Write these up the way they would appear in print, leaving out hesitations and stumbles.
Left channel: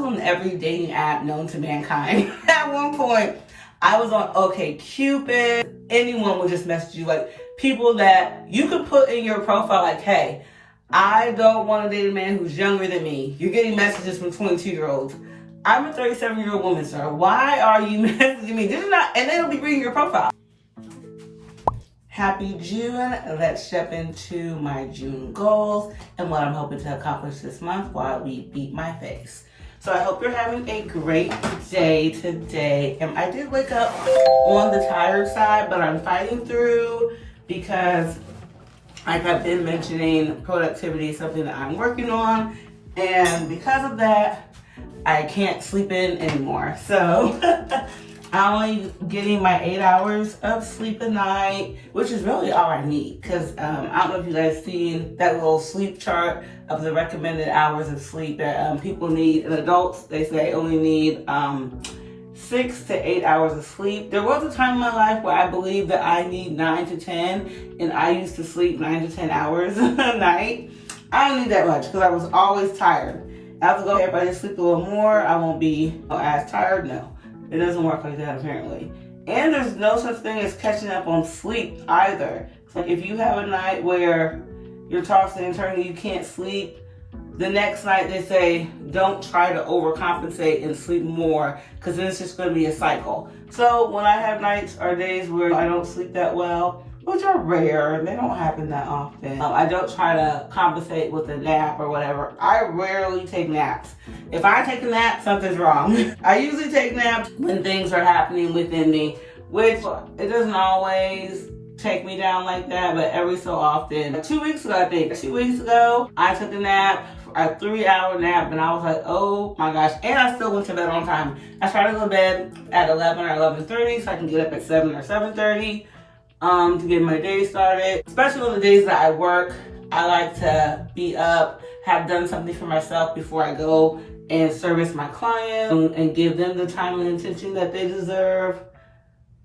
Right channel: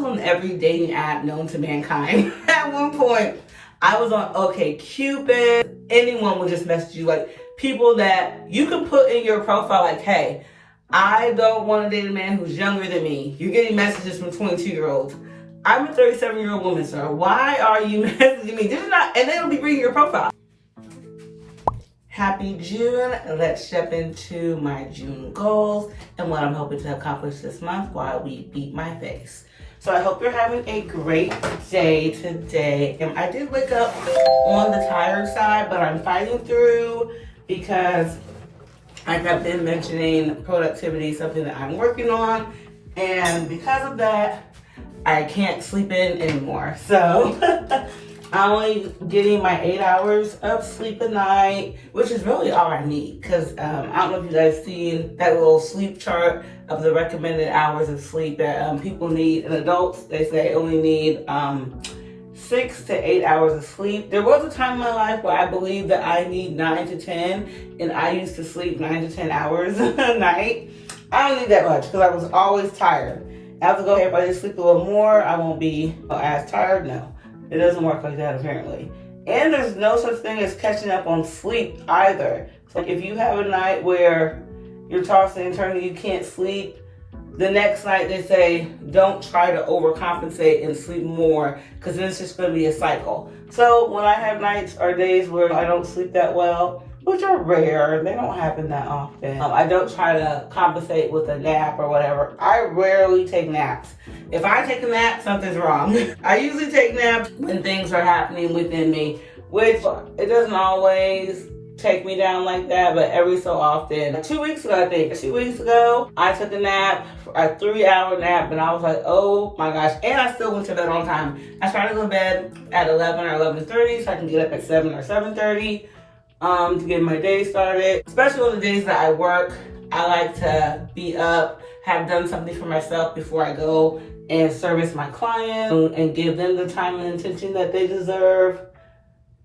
was on every dating app known to mankind. At one point, I was on OkCupid. Anyone would just message you, like people that you could put in your profile like, hey, I don't want to date a man who's younger than me. You're getting messages from 22-year-olds. I'm a 37-year-old woman, sir. Why are you messaging me? This is not, and they don't be reading your profile. Happy June. Let's jump into my June goals and what I'm hoping to accomplish this month while we beat my face. So I hope you're having a great day today. And I did wake up on the tired side, but I'm fighting through because like I've been mentioning, productivity is something that I'm working on. And because of that, I can't sleep in anymore. So I'm only getting my 8 hours of sleep a night, which is really all I need. Because I don't know if you guys seen that little sleep chart of the recommended hours of sleep that people need. And adults, they say only need 6 to 8 hours of sleep. There was a time in my life where I believed that I need 9 to 10, and I used to sleep 9 to 10 hours a night. I don't need that much because I was always tired. I was going, if I just sleep a little more, I won't be as tired. No. It doesn't work like that, apparently. And there's no such thing as catching up on sleep either. So if you have a night where you're tossing and turning, you can't sleep, the next night they say, don't try to overcompensate and sleep more, because then it's just going to be a cycle. So when I have nights or days where I don't sleep that well, which are rare, they don't happen that often, I don't try to compensate with a nap or whatever. I rarely take naps. If I take a nap, something's wrong. I usually take naps when things are happening within me, which it doesn't always take me down like that, but every so often. 2 weeks ago, I took a nap, a 3-hour nap, and I was like, oh my gosh. And I still went to bed on time. I started to go to bed at 11 or 11:30 so I can get up at 7 or 7:30 to get my day started. Especially on the days that I work, I like to be up, have done something for myself before I go and service my client and give them the time and attention that they deserve.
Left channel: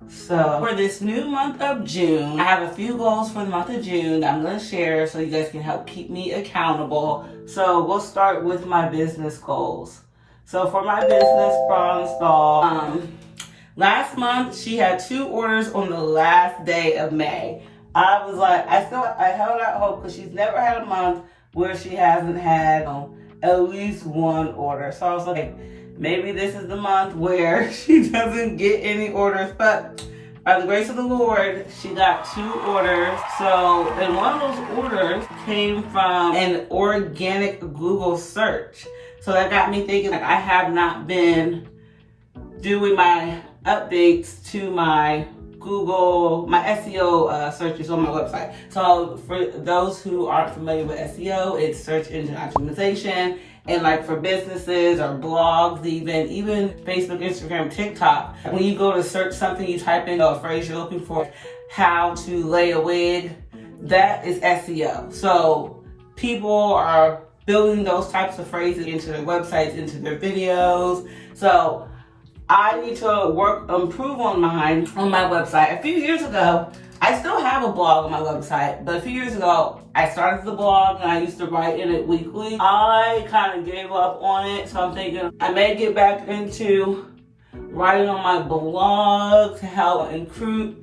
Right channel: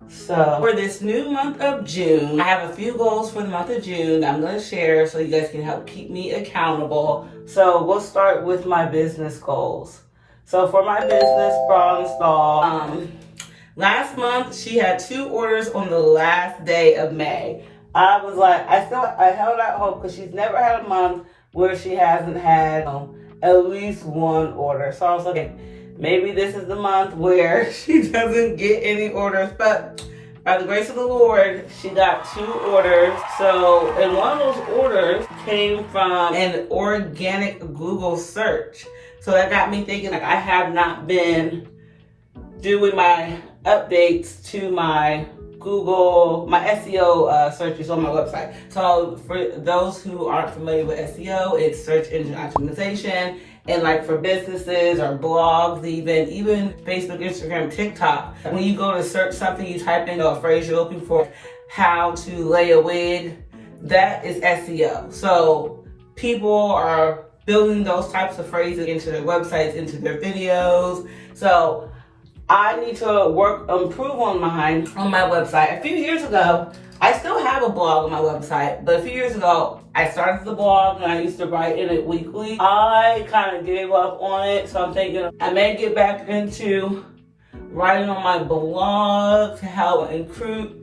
So for this new month of June, I have a few goals for the month of June that I'm going to share so you guys can help keep me accountable. So we'll start with my business goals. So for my business bra install, last month she had 2 orders on the last day of May. I was like, I held out hope because she's never had a month where she hasn't had at least 1 order. So I was like, maybe this is the month where she doesn't get any orders, but by the grace of the Lord, she got 2 orders. So, and one of those orders came from an organic Google search. So that got me thinking, like, I have not been doing my updates to my Google, my SEO searches on my website. So for those who aren't familiar with SEO, it's search engine optimization. And like for businesses or blogs, even Facebook, Instagram, TikTok, when you go to search something, you type in a phrase you're looking for, how to lay a wig, that is SEO. So people are building those types of phrases into their websites, into their videos. So I need to improve on mine on my website. A few years ago, I still have a blog on my website, but a few years ago, I started the blog and I used to write in it weekly. I kind of gave up on it, so I'm thinking I may get back into writing on my blog to help improve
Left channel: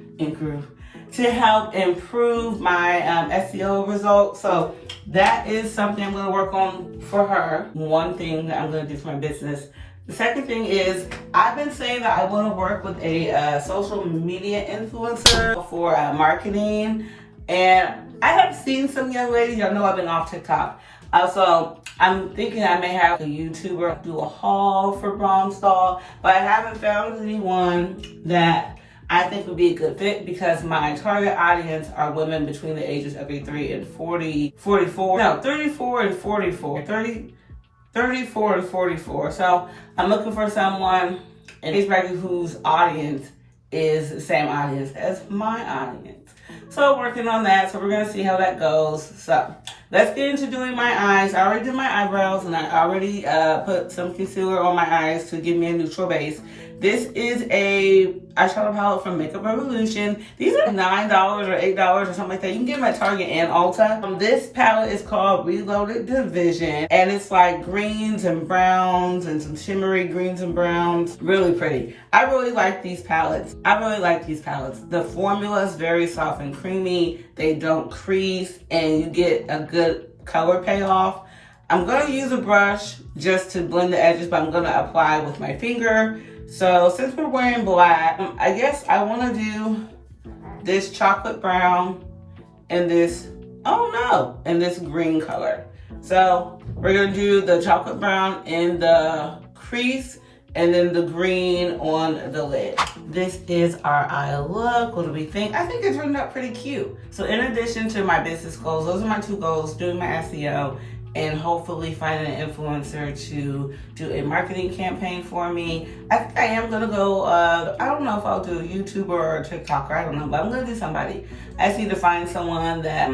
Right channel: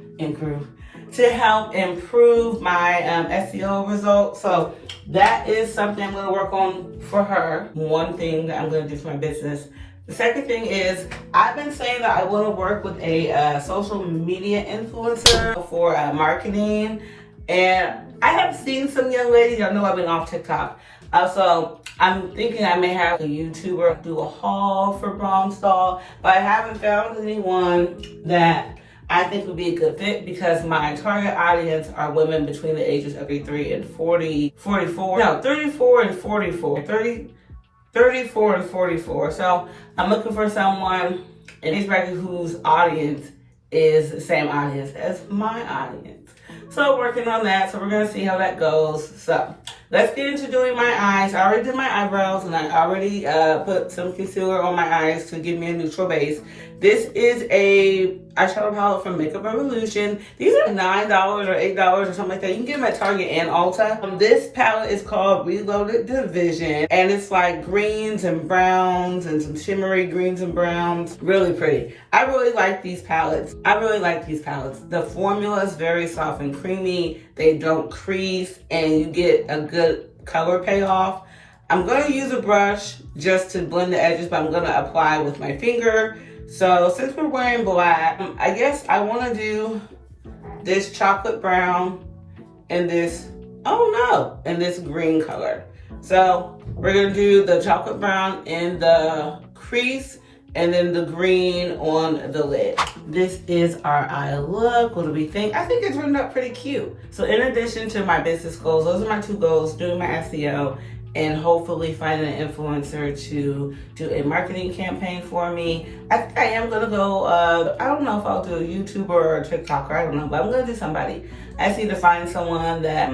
my SEO results. So that is something I'm going to work on for her. One thing that I'm going to do for my business. The second thing is, I've been saying that I want to work with a social media influencer for marketing. And I have seen some young ladies, y'all know I've been off TikTok. So I'm thinking I may have a YouTuber do a haul for bra install, but I haven't found anyone that I think would be a good fit because my target audience are women between the ages of 33 and 34 and 44. So I'm looking for someone in age bracket whose audience is the same audience as my audience. So working on that, so we're gonna see how that goes. So let's get into doing my eyes. I already did my eyebrows and I already put some concealer on my eyes to give me a neutral base. This is a eyeshadow palette from Makeup Revolution. These are $9 or $8 or something like that. You can get them at Target and Ulta. This palette is called Reloaded Division, and it's like greens and browns and some shimmery greens and browns. Really pretty. I really like these palettes. The formula is very soft and creamy. They don't crease, and you get a good color payoff. I'm gonna use a brush just to blend the edges, but I'm gonna apply with my finger. So since we're wearing black, I guess I wanna do this chocolate brown and this, and this green color. So we're gonna do the chocolate brown in the crease and then the green on the lid. This is our eye look. What do we think? I think it's turned out pretty cute. So in addition to my business goals, those are my 2 goals: doing my SEO and hopefully finding an influencer to do a marketing campaign for me. I think I am gonna go, I don't know if I'll do a YouTuber or a TikToker, I don't know, but I'm gonna do somebody. I just need to find someone that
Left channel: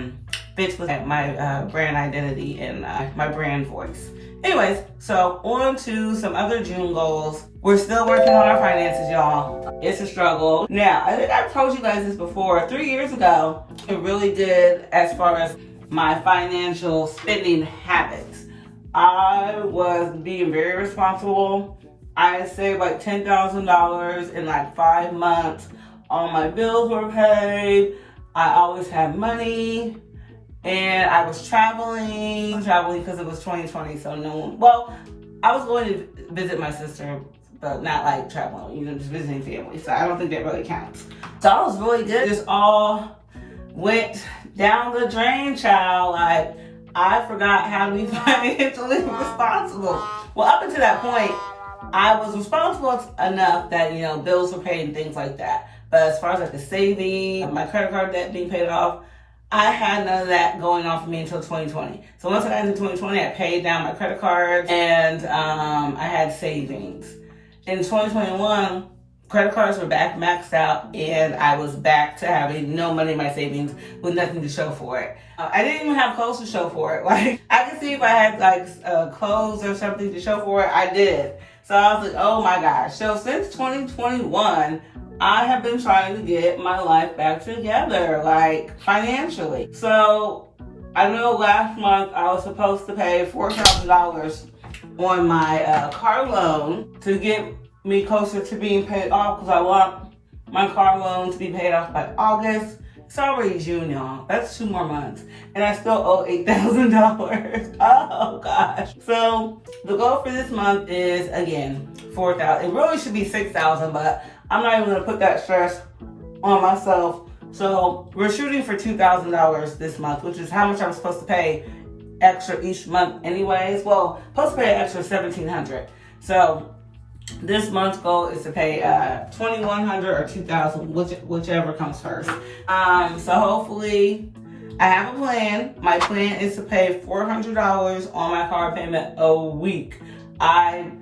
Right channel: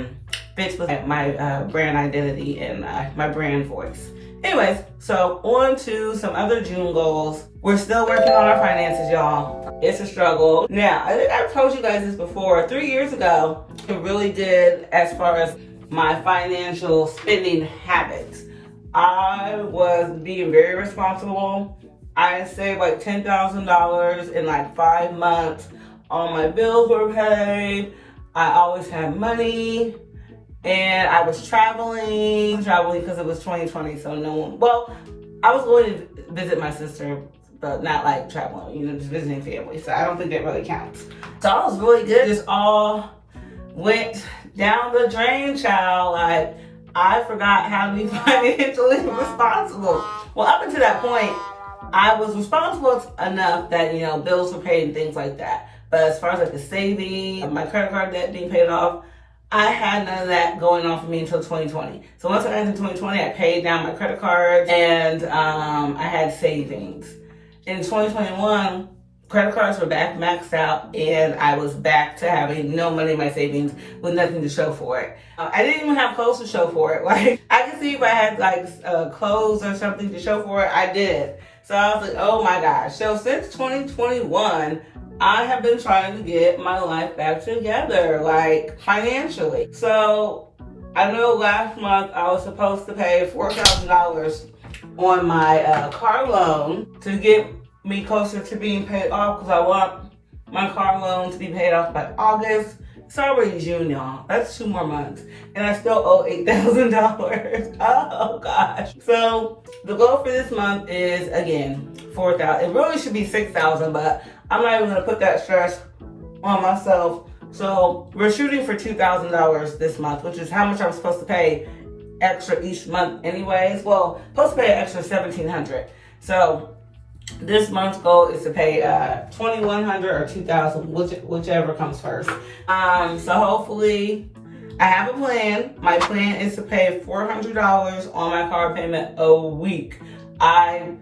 fits with my brand identity and my brand voice. Anyways, so on to some other June goals. We're still working on our finances, y'all. It's a struggle. Now, I've told you guys this before. 3 years ago, it really did as far as my financial spending habits. I was being very responsible. I saved like $10,000 in like 5 months. All my bills were paid. I always had money. And I was traveling because it was 2020, so no one, well, I was going to visit my sister, but not like traveling, just visiting family. So I don't think that really counts. So I was really good. Just all went down the drain, child. Like, I forgot how to be financially responsible. Well, up until that point, I was responsible enough that, bills were paid and things like that. But as far as like the saving, my credit card debt being paid off, I had none of that going on for me until 2020. So once I got into 2020, I paid down my credit cards and I had savings. In 2021, credit cards were back maxed out and I was back to having no money in my savings with nothing to show for it. I didn't even have clothes to show for it. Like, I could see if I had like clothes or something to show for it, I did. So I was like, oh my gosh. So since 2021, I have been trying to get my life back together, like financially. So I know last month I was supposed to pay $4,000 on my car loan to get me closer to being paid off, because I want my car loan to be paid off by August. It's already June, y'all. That's 2 more months. And I still owe $8,000. Oh gosh. So the goal for this month is, again, $4,000. It really should be $6,000, but I'm not even gonna put that stress on myself. So we're shooting for $2,000 this month, which is how much I'm supposed to pay extra each month anyways. Well, supposed to pay an extra $1,700. So this month's goal is to pay $2,100 or $2,000, whichever comes first. So hopefully I have a plan. My plan is to pay $400 on my car payment a week. I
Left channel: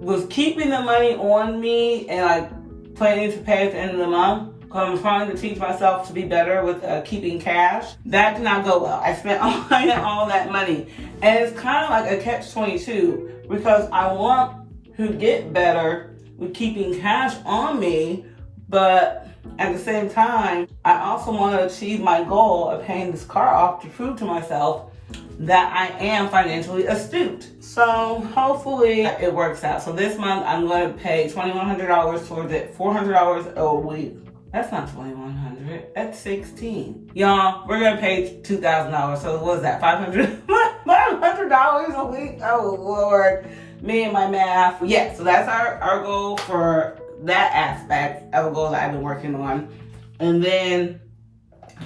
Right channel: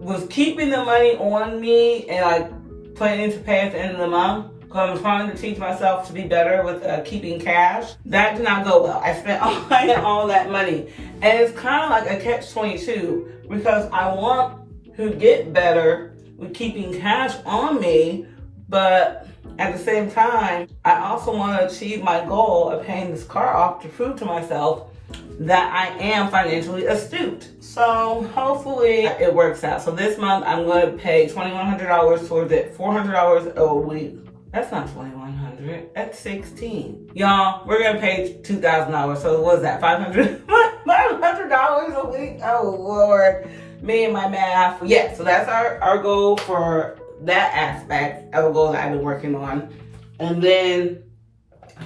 was keeping the money on me and like planning to pay at the end of the month, because I'm trying to teach myself to be better with keeping cash. That did not go well. I spent all that money. And it's kind of like a catch-22, because I want to get better with keeping cash on me, but at the same time, I also want to achieve my goal of paying this car off to prove to myself that I am financially astute. So hopefully it works out. So this month I'm going to pay $2,100 towards it, $400 a week. That's not $2,100, that's $1,600. Y'all, we're going to pay $2,000. So what is that, $500 a week? Oh Lord, me and my math. Yeah, so that's our goal for that aspect of a goal that I've been working on. And then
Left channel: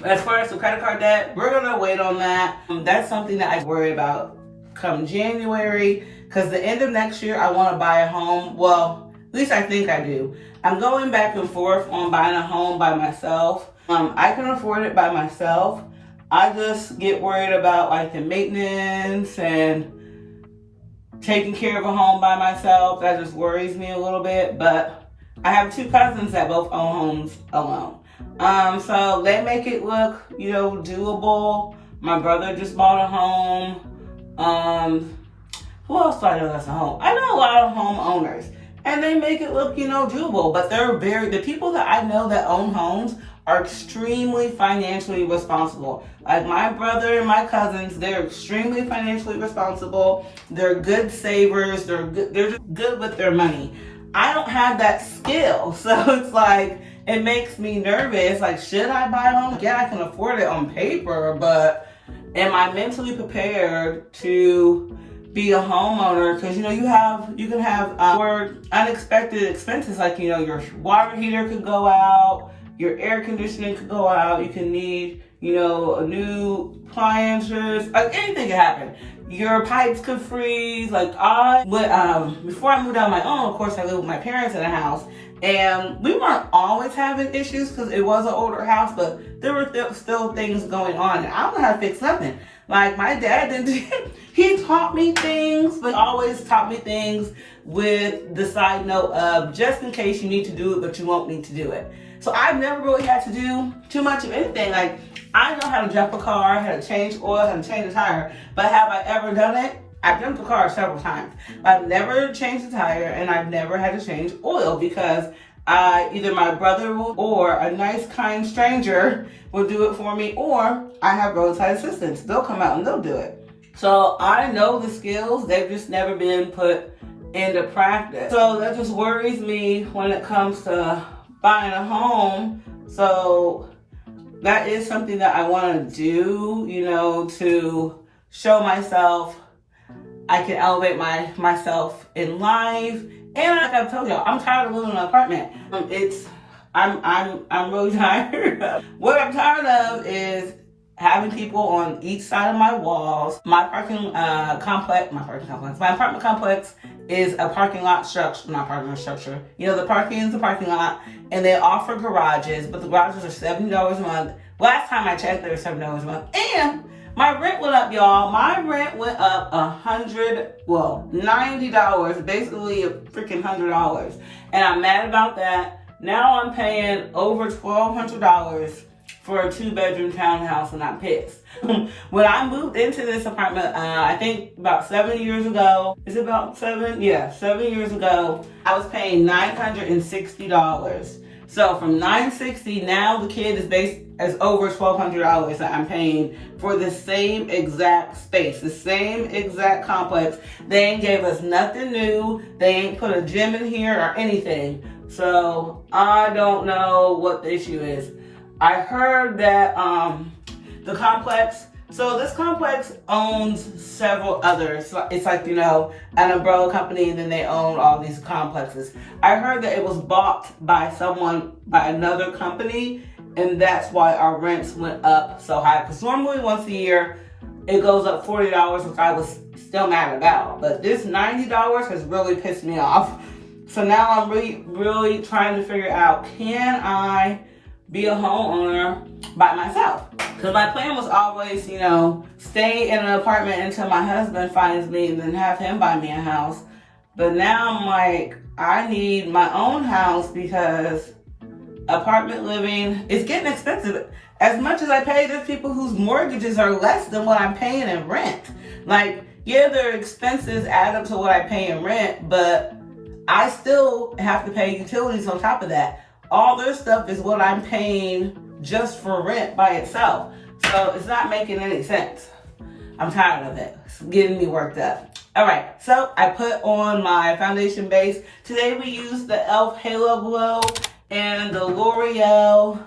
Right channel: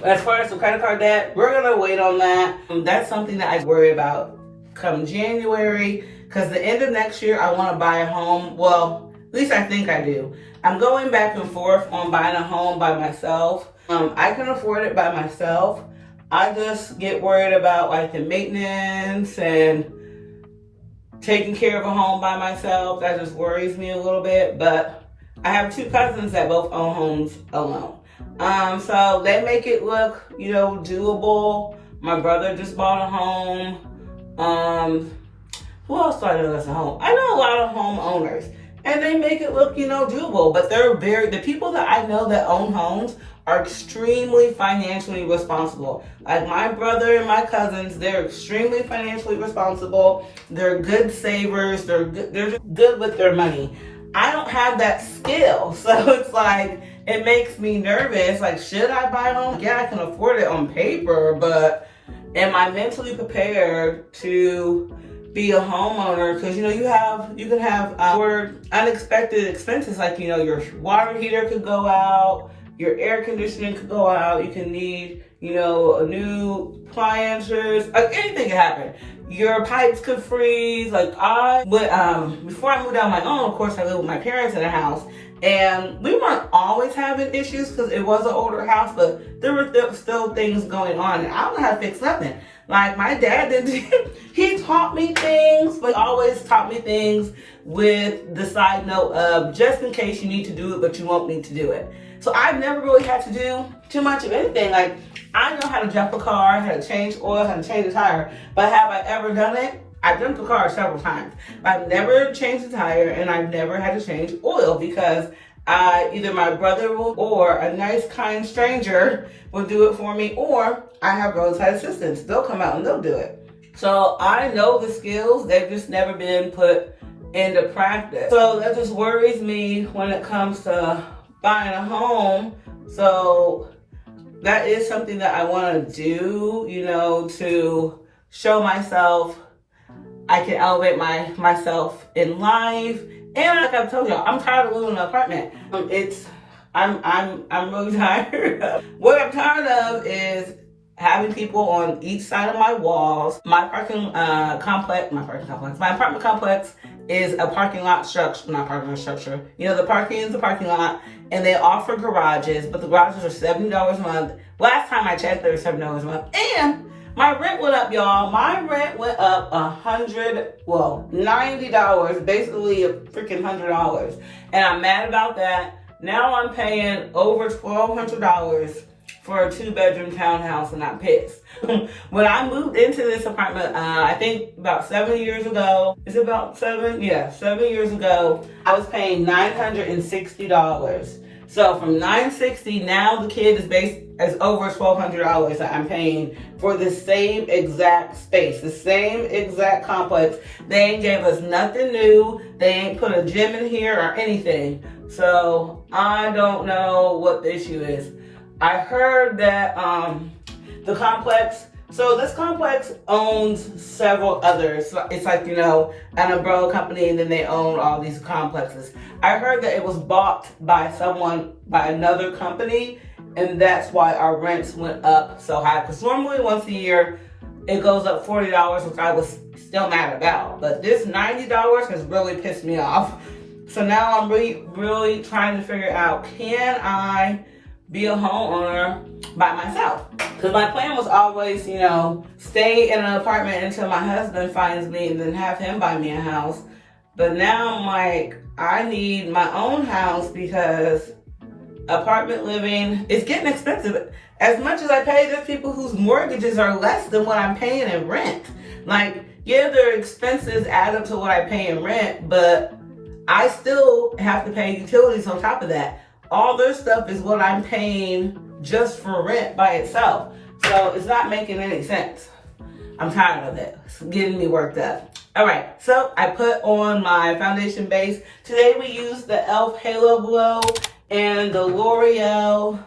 as far as the credit card debt, we're gonna wait on that. That's something that I worry about come January, because the end of next year I want to buy a home. Well, at least I think I do. I'm going back and forth on buying a home by myself. I can afford it by myself. I just get worried about like the maintenance and taking care of a home by myself. That just worries me a little bit. But I have 2 cousins that both own homes alone. So they make it look, doable. My brother just bought a home. Who else do I know that's a home? I know a lot of homeowners. and they make it look, doable. But the people that I know that own homes are extremely financially responsible. Like my brother and my cousins, they're extremely financially responsible. They're good savers. They're just good with their money. I don't have that skill. So it's like, it makes me nervous. Like, should I buy a home? Yeah, I can afford it on paper, but am I mentally prepared to be a homeowner? Because you can have your unexpected expenses, like your water heater could go out, your air conditioning could go out, you can need a new appliances, like anything can happen. Your pipes could freeze. Like before I moved out on my own, of course I lived with my parents in a house, and we weren't always having issues because it was an older house, but there were still things going on, and I don't know how to fix nothing. Like my dad did, he taught me things, but always taught me things with the side note of just in case you need to do it, but you won't need to do it. So I've never really had to do too much of anything. Like I know how to jump a car, how to change oil, how to change a tire, but have I ever done it? I've jumped the car several times. I've never changed the tire, and I've never had to change oil because either my brother or a nice, kind stranger will do it for me, or I have roadside assistants. They'll come out and they'll do it. So I know the skills, they've just never been put into practice. So that just worries me when it comes to buying a home. So that is something that I want to do, to show myself I can elevate myself in life. And like I've told y'all, I'm tired of living in an apartment. I'm really tired. What I'm tired of is having people on each side of my walls. My apartment complex is a parking lot structure, not parking lot structure. The parking is the parking lot, and they offer garages, but the garages are $70 a month. Last time I checked, they were $7 a month. And my rent went up, y'all. My rent went up $90, basically a freaking $100. And I'm mad about that. Now I'm paying over $1,200 for a 2-bedroom townhouse, and I'm pissed. When I moved into this apartment, I think about 7 years ago, is it about 7? Yeah, 7 years ago, I was paying $960. So from $960, now the kid is over $1,200 that I'm paying for the same exact space, the same exact complex. They ain't gave us nothing new. They ain't put a gym in here or anything. So I don't know what the issue is. I heard that the complex, so this complex owns several others. It's like, an umbrella company, and then they own all these complexes. I heard that it was bought by another company, and that's why our rents went up so high. Because normally once a year, it goes up $40, which I was still mad about. But this $90 has really pissed me off. So now I'm really trying to figure out, can I be a homeowner by myself? Because my plan was always, stay in an apartment until my husband finds me and then have him buy me a house. But now I'm like, I need my own house because apartment living is getting expensive. As much as I pay, there's people whose mortgages are less than what I'm paying in rent. Like, yeah, their expenses add up to what I pay in rent, but I still have to pay utilities on top of that. All their stuff is what I'm paying just for rent by itself. So it's not making any sense. I'm tired of it. It's getting me worked up. All right, so I put on my foundation base. Today we used the e.l.f. Halo Glow and the L'Oreal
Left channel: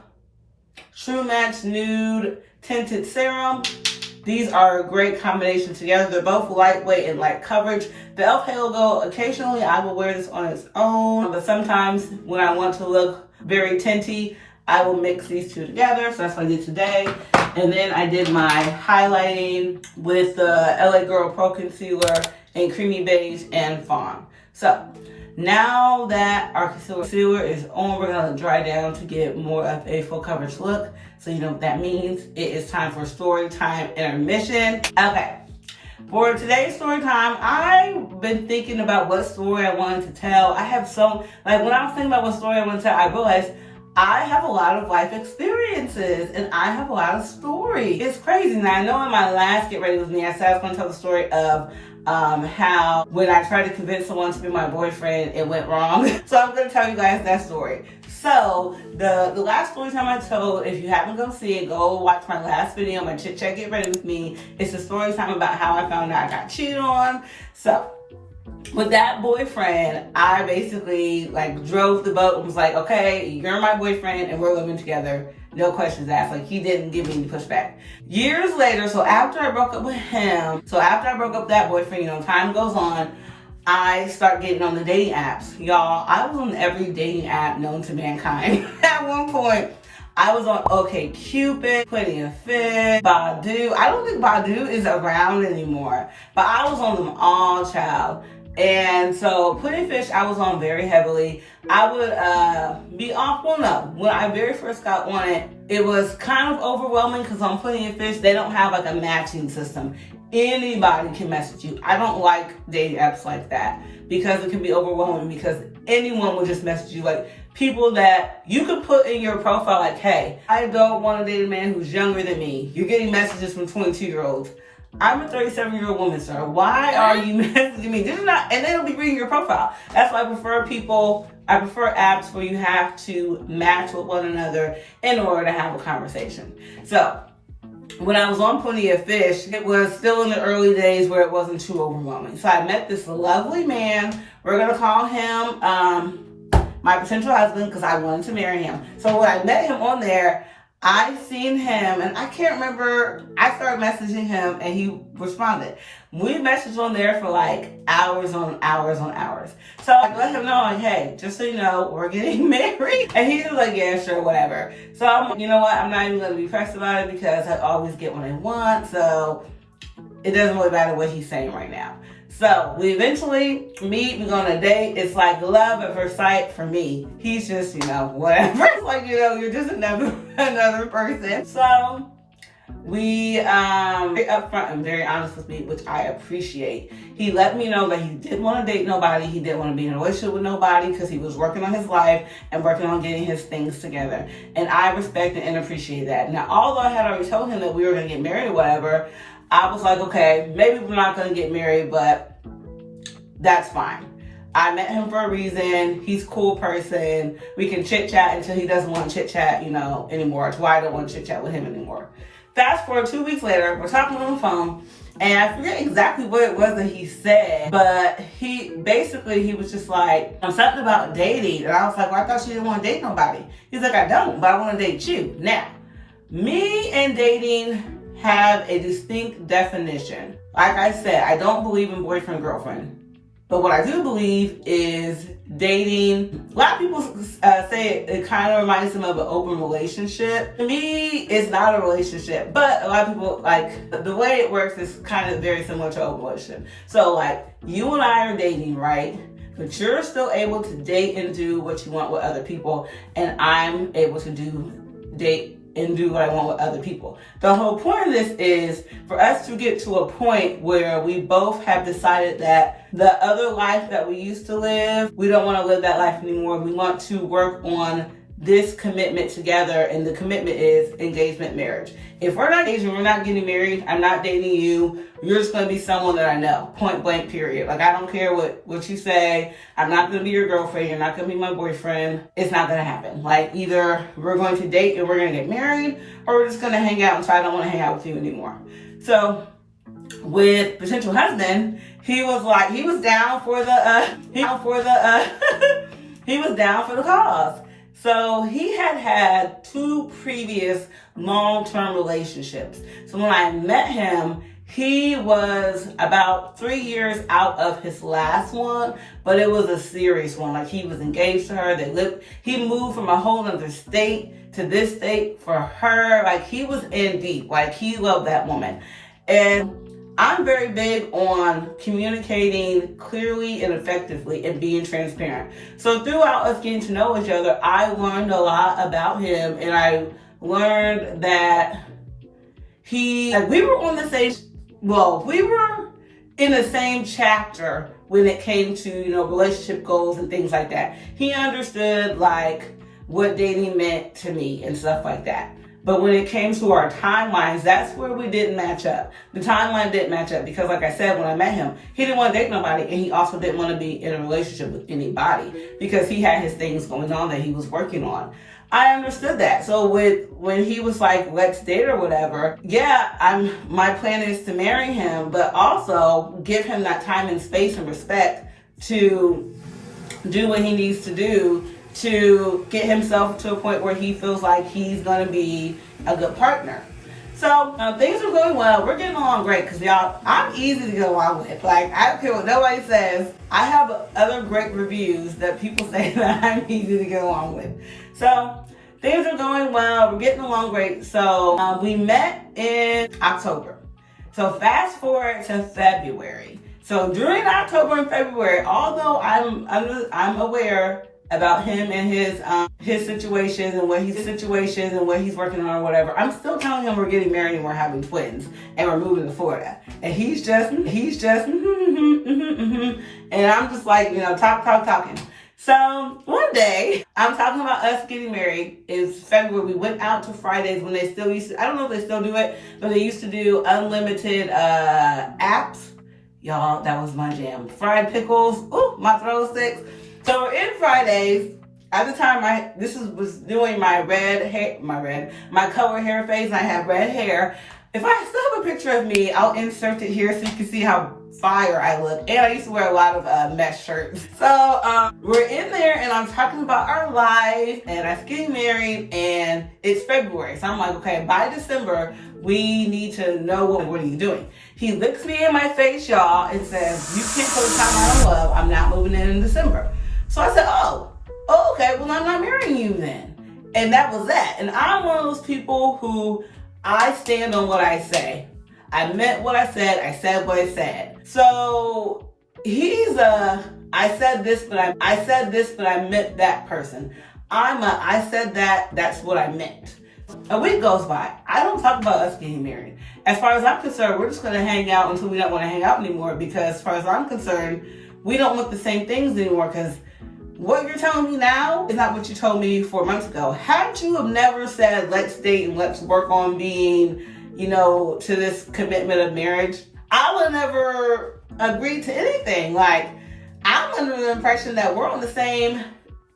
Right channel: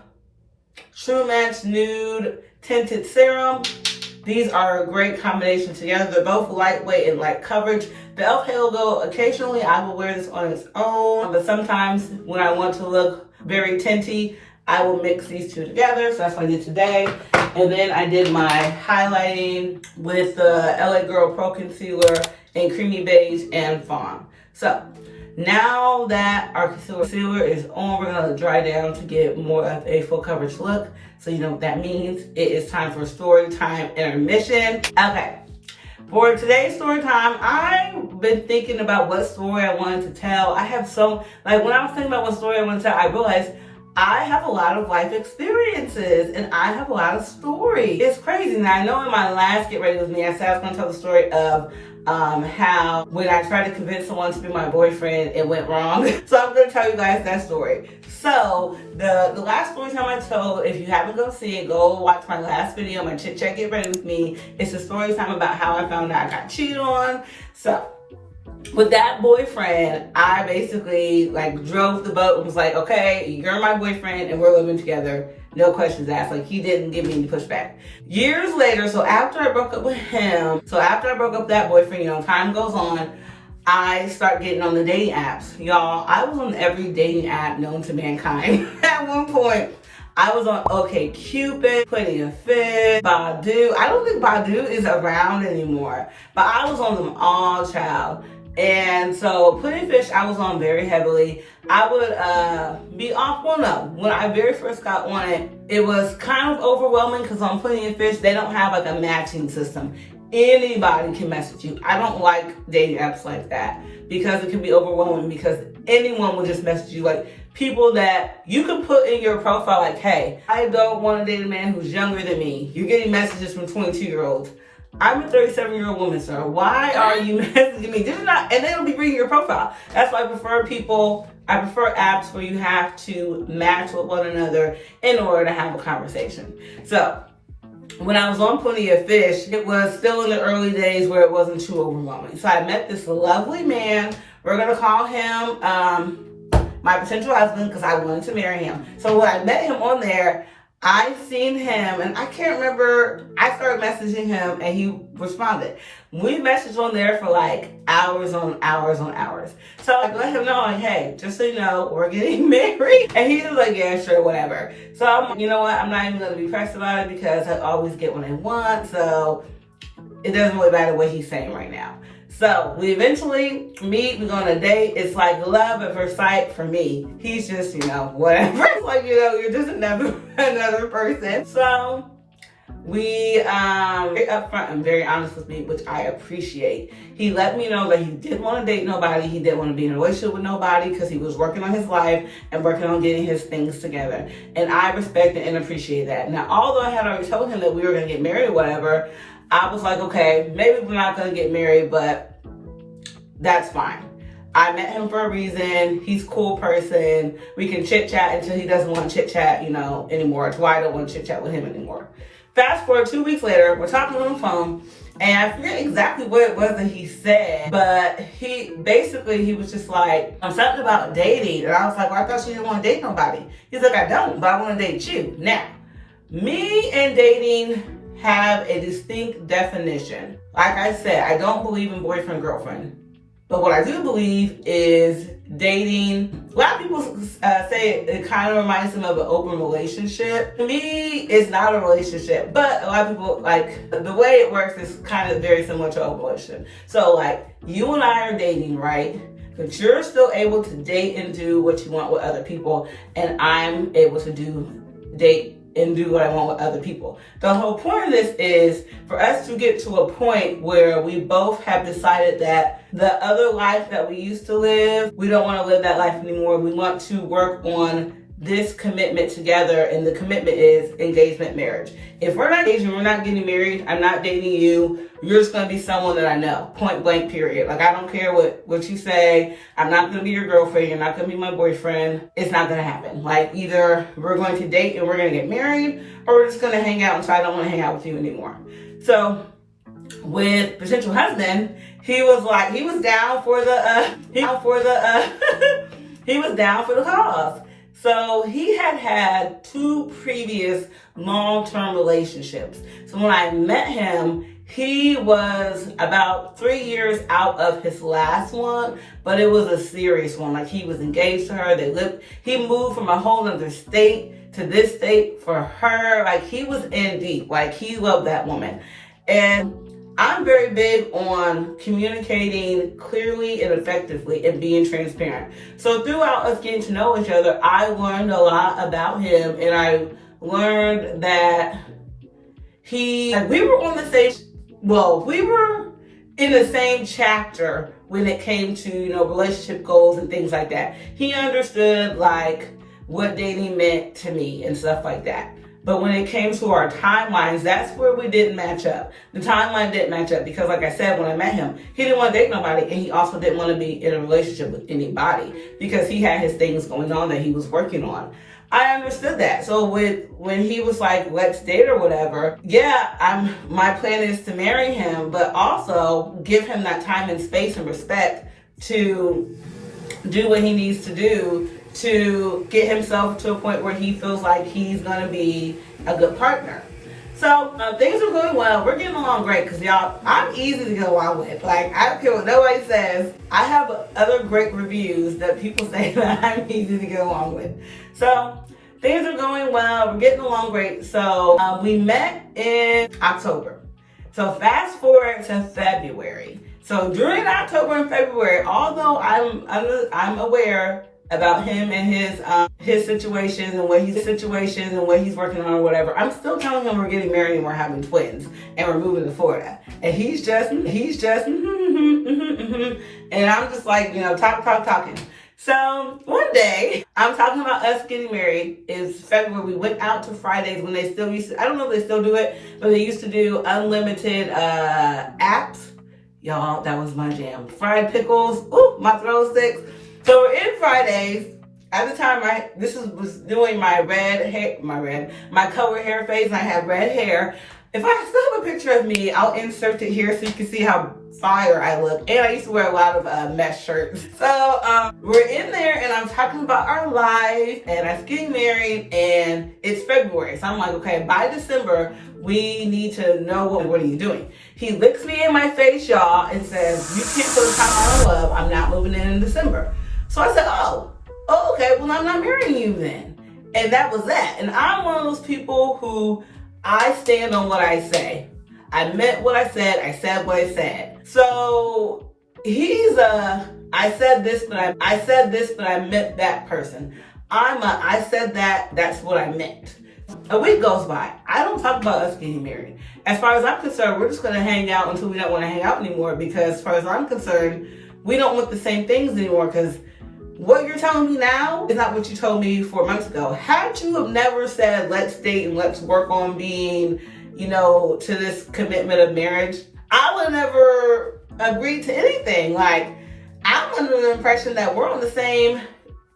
True Match Nude Tinted Serum. These are a great combination together. They're both lightweight and light coverage. The e.l.f. Halo Glow, occasionally I will wear this on its own, but sometimes when I want to look very tinty, I will mix these two together. So that's what I did today. And then I did my highlighting with the LA Girl Pro Concealer in Creamy Beige and Fawn. So now that our concealer is on, we're gonna dry down to get more of a full coverage look. So you know what that means. It is time for story time intermission. Okay. For today's story time, I've been thinking about what story I wanted to tell. I have when I was thinking about what story I wanted to tell, I realized I have a lot of life experiences and I have a lot of stories. It's crazy. Now, I know in my last Get Ready With Me, I said I was going to tell the story of how when I tried to convince someone to be my boyfriend, it went wrong. So I'm gonna tell you guys that story. So the last story time I told, if you haven't go see it, go watch my last video, my Chit Chat Get Ready With Me. It's a story time about how I found out I got cheated on. So with that boyfriend, I basically like drove the boat and was like, okay, you're my boyfriend and we're living together. No questions asked. Like, he didn't give me any pushback. Years later, so after I broke up with him, so after I broke up with that boyfriend, you know, time goes on, I start getting on the dating apps. Y'all, I was on every dating app known to mankind. At one point, I was on OkCupid, Plenty of Fish, Badu. I don't think Badu is around anymore, but I was on them all, child. And so Plenty of Fish, I was on very heavily. I would be off one of. When I very first got on it, it was kind of overwhelming because on Plenty of Fish, they don't have like a matching system. Anybody can message you. I don't like dating apps like that because it can be overwhelming because anyone will just message you. Like people that you could put in your profile like, hey, I don't want to date a man who's younger than me. You're getting messages from 22-year-olds. I'm a 37-year-old woman, sir. Why are you messaging me? This is not, and they'll be reading your profile. That's why I prefer apps where you have to match with one another in order to have a conversation. So when I was on Plenty of Fish, it was still in the early days where it wasn't too overwhelming. So I met this lovely man. We're going to call him my potential husband because I wanted to marry him. So when I met him on there, I seen him and I can't remember, I started messaging him and he responded. We messaged on there for like hours on hours on hours. So I let him know like, hey, just so you know, we're getting married. And he was like, yeah, sure, whatever. So I'm, you know what, I'm not even gonna be pressed about it because I always get what I want. So it doesn't really matter what he's saying right now. So we eventually meet, we go on a date. It's like love at first sight for me. He's just, you know, whatever. It's like, you know, you're just another person. So we very upfront and very honest with me, which I appreciate. He let me know that he didn't want to date nobody. He didn't want to be in a relationship with nobody because he was working on his life and working on getting his things together. And I respect and appreciate that. Now, although I had already told him that we were going to get married or whatever, I was like, okay, maybe we're not going to get married, but that's fine. I met him for a reason. He's a cool person. We can chit chat until he doesn't want to chit chat, you know, anymore. It's why I don't want to chit chat with him anymore. Fast forward 2 weeks later, we're talking on the phone, and I forget exactly what it was that he said, but he was just like, something about dating. And I was like, well, I thought you didn't want to date nobody. He's like, I don't, but I want to date you. Now, me and dating have a distinct definition. Like I said, I don't believe in boyfriend, girlfriend. But what I do believe is dating. A lot of people say it kind of reminds them of an open relationship. To me, it's not a relationship, but a lot of people, like, the way it works is kind of very similar to an open relationship. So, like, you and I are dating, right? But you're still able to date and do what you want with other people, and I'm able to date and do what I want with other people. The whole point of this is for us to get to a point where we both have decided that the other life that we used to live, we don't want to live that life anymore. We want to work on this commitment together, and the commitment is engagement marriage. If we're not engaged, we're not getting married, I'm not dating you, you're just going to be someone that I know, point blank, period. Like, I don't care what you say. I'm not going to be your girlfriend. You're not going to be my boyfriend. It's not going to happen. Like, either we're going to date and we're going to get married, or we're just going to hang out until I don't want to hang out with you anymore. So with potential husband, he was down for the he was down for the cause. So he had 2 previous long-term relationships. So when I met him, he was about 3 years out of his last one, but it was a serious one. Like, he was engaged to her. He moved from a whole other state to this state for her. Like, he was in deep. Like, he loved that woman. And I'm very big on communicating clearly and effectively and being transparent. So throughout us getting to know each other, I learned a lot about him, and I learned that we were in the same chapter when it came to, you know, relationship goals and things like that. He understood, like, what dating meant to me and stuff like that. But when it came to our timelines, that's where we didn't match up. The timeline didn't match up because, like I said, when I met him, he didn't want to date nobody, and he also didn't want to be in a relationship with anybody because he had his things going on that he was working on. I understood that. So when he was like, let's date or whatever, yeah, my plan is to marry him, but also give him that time and space and respect to do what he needs to do to get himself to a point where he feels like he's going to be a good partner. So things are going well. We're getting along great because, y'all, I'm easy to get along with. Like, I don't care what nobody says. I have other great reviews that people say that I'm easy to get along with. So things are going well. We're getting along great. So we met in October. So fast forward to February. So during October and February, although I'm aware about him and his situations and what he's working on or whatever, I'm still telling him we're getting married and we're having twins and we're moving to Florida. And he's just and I'm just like, talking. So one day, I'm talking about us getting married. It's February. We went out to Fridays when they still used to, I don't know if they still do it, but they used to do unlimited apps. Y'all, that was my jam. Fried pickles. Ooh, my throat sticks. So we're in Fridays. At the time, was doing my color hair phase, and I had red hair. If I still have a picture of me, I'll insert it here so you can see how fire I look. And I used to wear a lot of mesh shirts. So we're in there, and I'm talking about our life, and us getting married, and it's February. So I'm like, okay, by December, we need to know what are you doing. He looks me in my face, y'all, and says, you can't put a timeline on love. I'm not moving in December. So I said, oh, okay, well, I'm not marrying you then. And that was that. And I'm one of those people who I stand on what I say. I meant what I said what I said. So he's I said this, but I meant that person. I said that's what I meant. A week goes by. I don't talk about us getting married. As far as I'm concerned, we're just going to hang out until we don't want to hang out anymore, because as far as I'm concerned, we don't want the same things anymore, because what you're telling me now is not what you told me 4 months ago. Had you have never said, let's date and let's work on being, to this commitment of marriage, I would never agree to anything. Like, I'm under the impression that we're on the same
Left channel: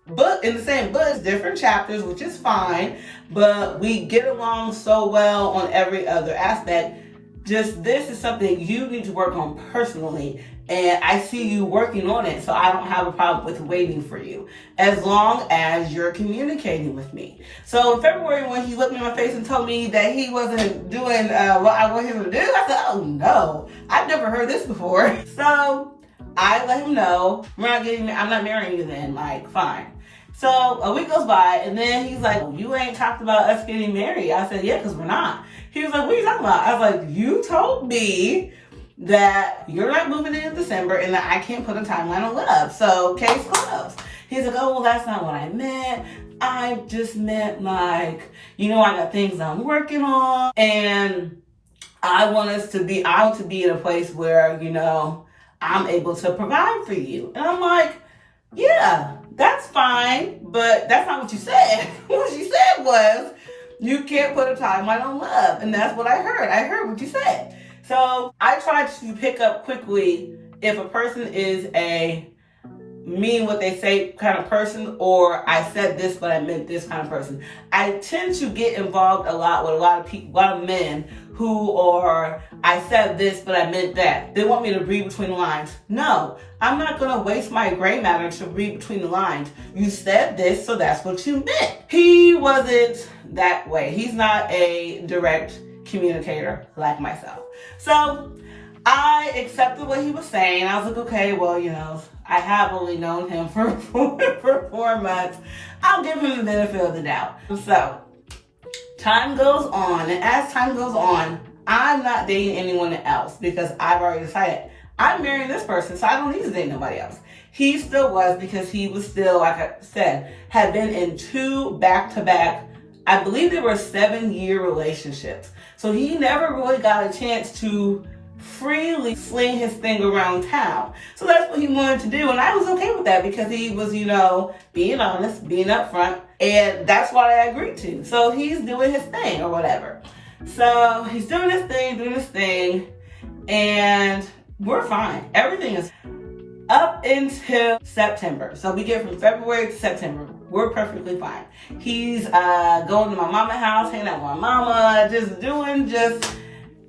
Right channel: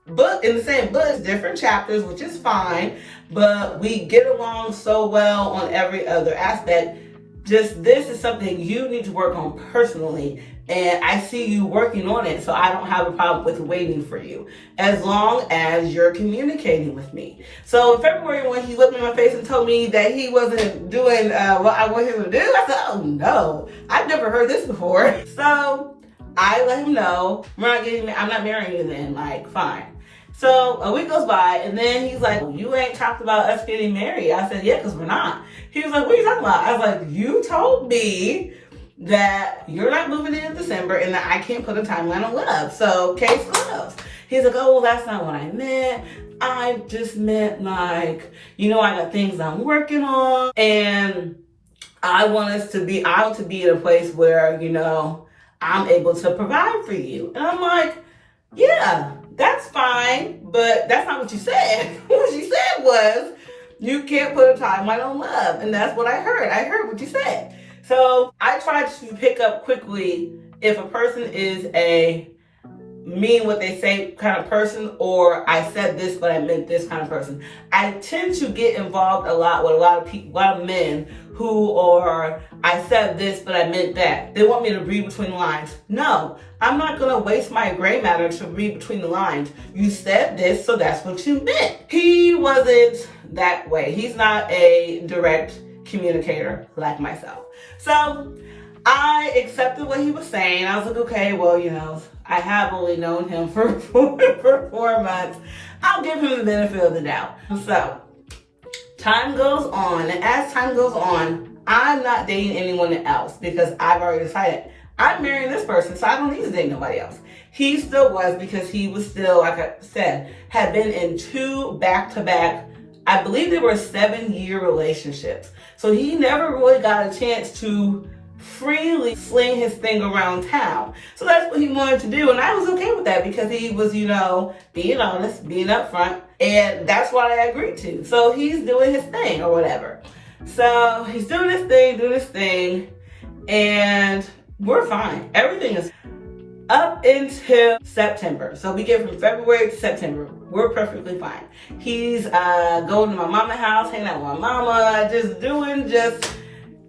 book, different chapters, which is fine, but we get along so well on every other aspect. Just this is something you need to work on personally, and I see you working on it, so I don't have a problem with waiting for you, as long as you're communicating with me. So in February, when he looked me in my face and told me that he wasn't doing what I wanted him to do, I said, oh no, I've never heard this before. So I let him know, I'm not marrying you then, like, fine. So a week goes by, and then he's like, you ain't talked about us getting married. I said, yeah, because we're not. He was like, what are you talking about? I was like, you told me that you're not moving in December and that I can't put a timeline on love. So case closed. He's like, oh, well, that's not what I meant. I just meant, like, I got things I'm working on, and I want to be in a place where, I'm able to provide for you. And I'm like, yeah, that's fine, but that's not what you said. What you said was, you can't put a timeline on love. And that's what I heard. I heard what you said. So I try to pick up quickly if a person is a mean what they say kind of person, or I said this but I meant this kind of person. I tend to get involved a lot with a lot of men who are, I said this but I meant that. They want me to read between the lines. No, I'm not going to waste my gray matter to read between the lines. You said this, so that's what you meant. He wasn't that way. He's not a direct communicator like myself. So I accepted what he was saying. I was like, okay, well, I have only known him for 4 months. I'll give him the benefit of the doubt. So time goes on, and as time goes on, I'm not dating anyone else because I've already decided I'm marrying this person, so I don't need to date nobody else. He still was, because he was still, like I said, had been in 2 back-to-back, I believe they were 7-year relationships. So he never really got a chance to freely fling his thing around town. So that's what he wanted to do. And I was okay with that because he was, being honest, being upfront. And that's what I agreed to. So he's doing his thing or whatever. So he's doing his thing. And we're fine. Everything is up into September. So we get from February to September. We're perfectly fine. He's going to my mama's house, hanging out with my mama, just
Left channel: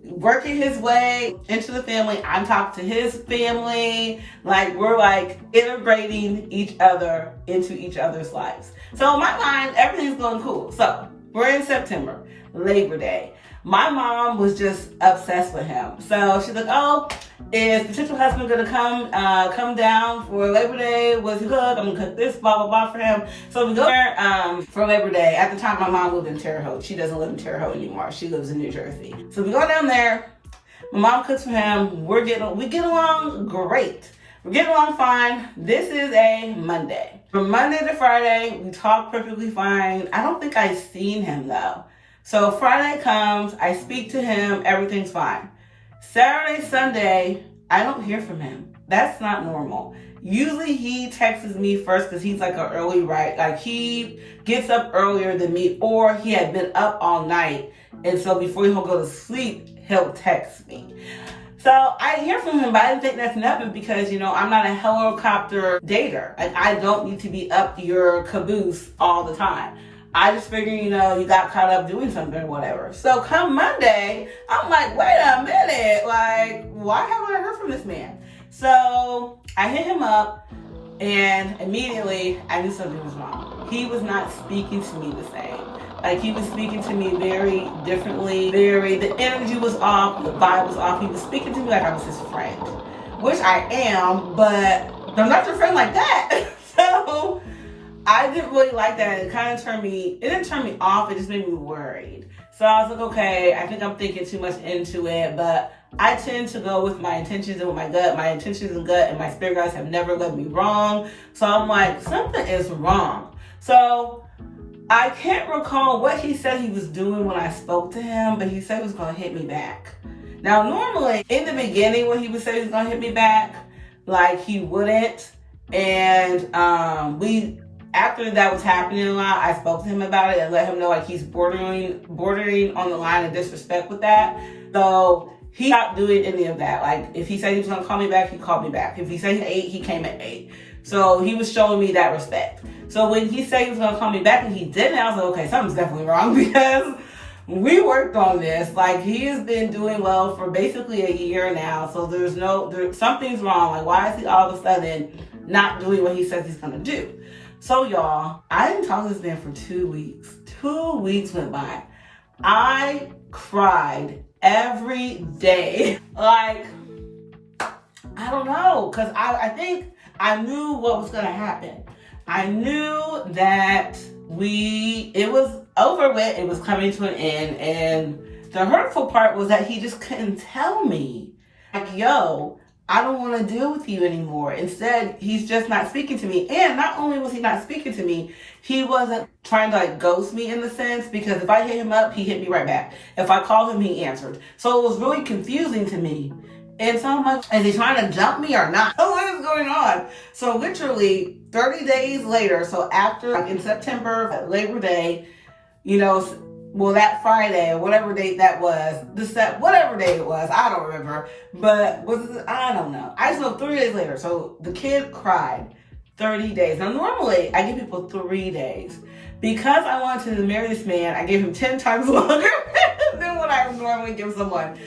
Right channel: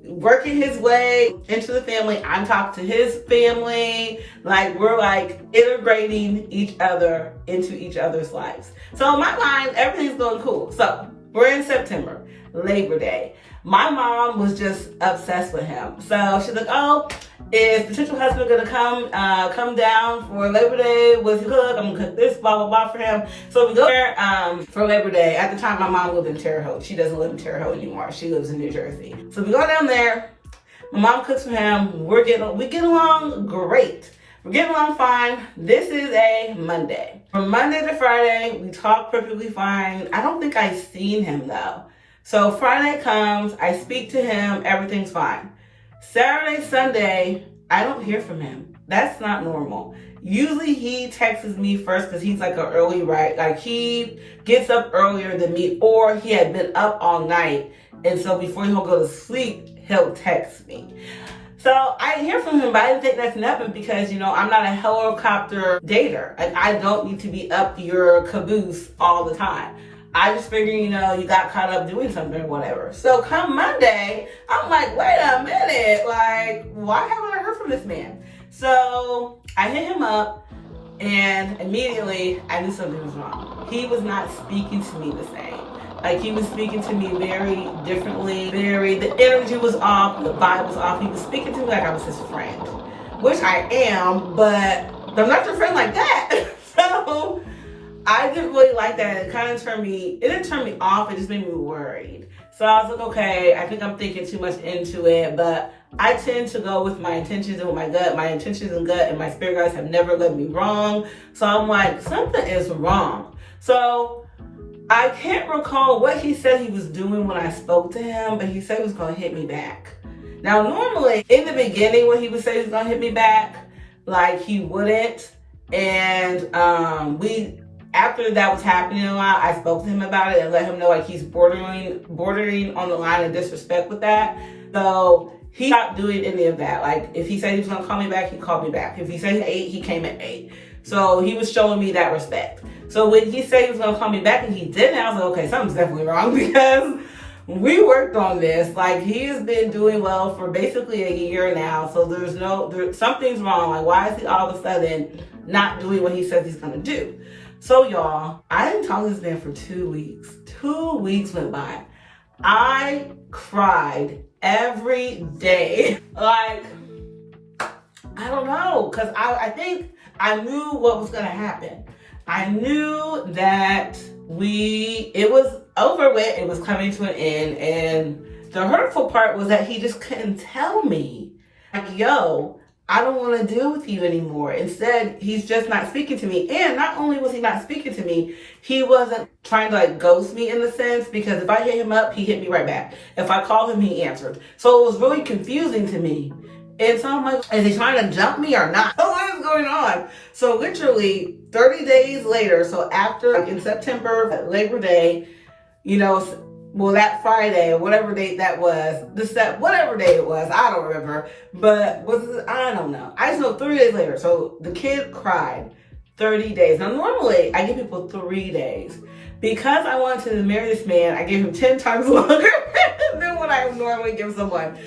working his way into the family. I'm talking to his family. We're integrating each other into each other's lives. So in my mind, everything's going cool. So we're in September, Labor Day. My mom was just obsessed with him. So she's like, oh, is potential husband gonna come down for Labor Day? Was he cook? I'm gonna cook this, blah, blah, blah for him. So we go there for Labor Day. At the time, my mom lived in Terre Haute. She doesn't live in Terre Haute anymore. She lives in New Jersey. So we go down there. My mom cooks for him. We get along great. We're getting along fine. This is a Monday. From Monday to Friday, we talk perfectly fine. I don't think I've seen him though. So Friday comes, I speak to him, everything's fine. Saturday, Sunday, I don't hear from him. That's not normal. Usually he texts me first because he's an early he gets up earlier than me, or he had been up all night. And so before he'll go to sleep, he'll text me. So I didn't hear from him, but I didn't think that's nothing because, I'm not a helicopter dater. I don't need to be up your caboose all the time. I just figured, you got caught up doing something or whatever. So come Monday, I'm like, wait a minute. Why haven't I heard from this man? So I hit him up and immediately I knew something was wrong. He was not speaking to me the same. He was speaking to me very differently. The energy was off, the vibe was off. He was speaking to me like I was his friend, which I am, but I'm not your friend like that. So I didn't really like that. It didn't turn me off, it just made me worried. So I was like, okay, I think I'm thinking too much into it, but I tend to go with my intentions and with my gut. My intentions and gut and my spirit guides have never led me wrong. So I'm like, something is wrong. So I can't recall what he said he was doing when I spoke to him, but he said he was going to hit me back. Now, normally, in the beginning when he would say he was going to hit me back, he wouldn't. And after that was happening a lot, I spoke to him about it and let him know he's bordering on the line of disrespect with that. So he stopped doing any of that. If he said he was going to call me back, he called me back. If he said he ate, he came at 8. So he was showing me that respect. So when he said he was going to call me back and he didn't, I was like, okay, something's definitely wrong because we worked on this. He has been doing well for basically a year now. So something's wrong. Why is he all of a sudden not doing what he says he's going to do? So y'all, I didn't talk to this man for 2 weeks. 2 weeks went by. I cried every day. I don't know, because I think I knew what was going to happen. I knew that it was over with, it was coming to an end, and the hurtful part was that he just couldn't tell me, yo, I don't want to deal with you anymore. Instead, he's just not speaking to me. And not only was he not speaking to me, he wasn't trying to ghost me in the sense, because if I hit him up, he hit me right back. If I called him, he answered. So it was really confusing to me. And so I'm like, is he trying to jump me or not? What is going on? So literally 30 days later, so after in September, Labor Day, that Friday or whatever date that was, whatever day it was, I don't remember. But I don't know. I just know 3 days later. So the kid cried 30 days. Now normally I give people 3 days. Because I wanted to marry this man, I gave him 10 times longer than what I would normally give someone.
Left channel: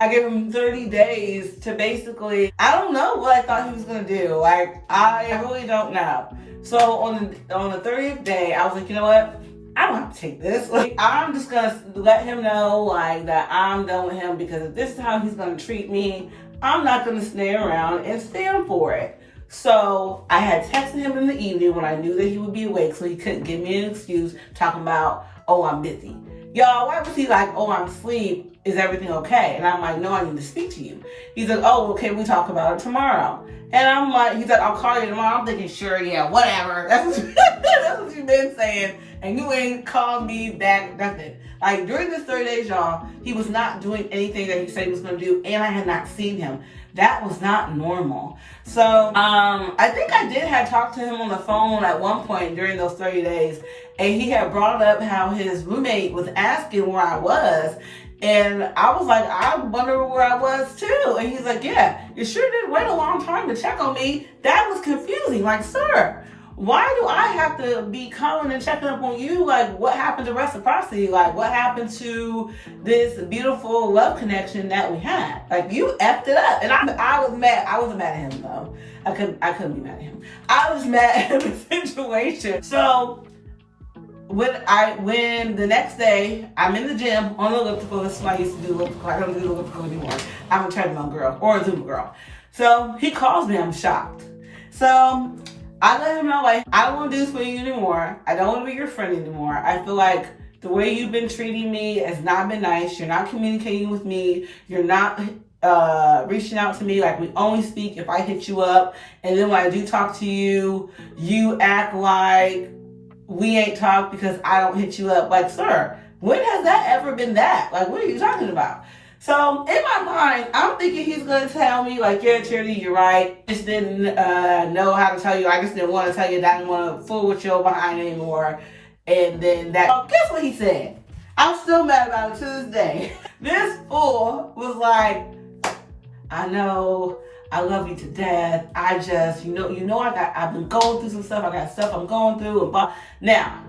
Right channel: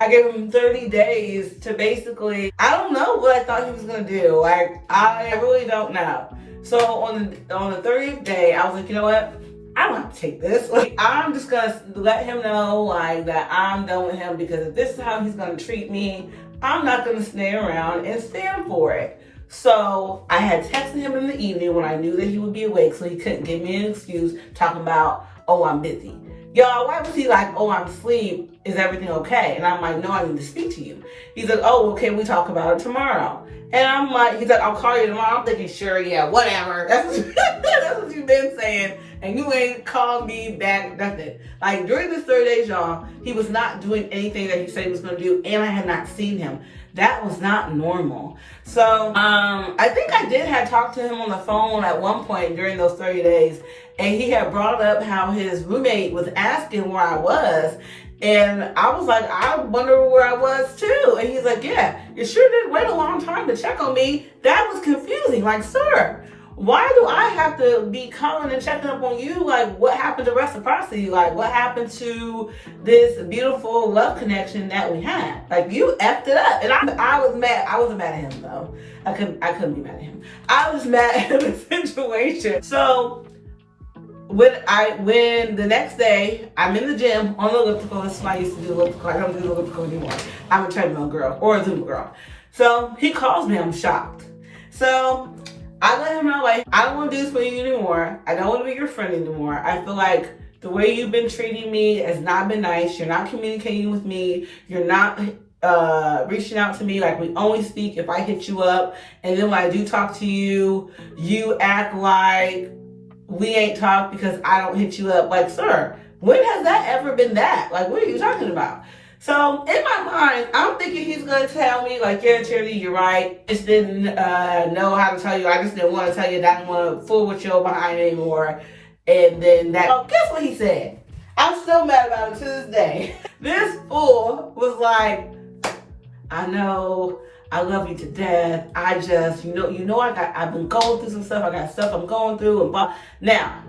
I gave him 30 days to basically, I don't know what I thought he was going to do. I really don't know. So on the 30th day, I was like, you know what? I don't have to take this. I'm just going to let him know that I'm done with him, because if this is how he's going to treat me, I'm not going to stay around and stand for it. So I had texted him in the evening when I knew that he would be awake, so he couldn't give me an excuse talking about, oh, I'm busy. Y'all, why was he like, oh, I'm asleep, is everything okay? And I'm like, no, I need to speak to you. He's like, oh, well, can we talk about it tomorrow? And I'm like, he's like, I'll call you tomorrow. I'm thinking, sure, yeah, whatever. That's what you've been saying. And you ain't called me back, nothing. Like, during this 30 days, y'all, he was not doing anything that he said he was going to do, and I had not seen him. That was not normal. So, I think I did have talked to him on the phone at one point during those 30 days, and he had brought up how his roommate was asking where I was. And I was like, I wonder where I was too. And he's like, yeah, you sure did wait a long time to check on me. That was confusing. Like, sir, why do I have to be calling and checking up on you? Like, what happened to reciprocity? Like, what happened to this beautiful love connection that we had? Like, you effed it up. And I was mad. I wasn't mad at him though. I couldn't be mad at him. I was mad at the situation. So when the next day I'm in the gym on the elliptical, that's why I used to do elliptical. I don't do elliptical anymore. I'm a treadmill girl or a Zumba girl. So he calls me, I'm shocked. So I let him know, like, I don't want to do this for you anymore. I don't want to be your friend anymore. I feel like the way you've been treating me has not been nice. You're not communicating with me. You're not reaching out to me. Like, we only speak if I hit you up. And then when I do talk to you, you act like we ain't talked because I don't hit you up. Like, sir, when has that ever been that? Like, what are you talking about? So in my mind, I'm thinking he's going to tell me, like, yeah, Charity, you're right. Just didn't know how to tell you. I just didn't want to tell you that I didn't want to fool with you behind anymore. And then that, oh, guess what he said? I'm still mad about it to this day. This fool was like, I know, I love you to death. I just, I've been going through some stuff. I got stuff I'm going through. And now,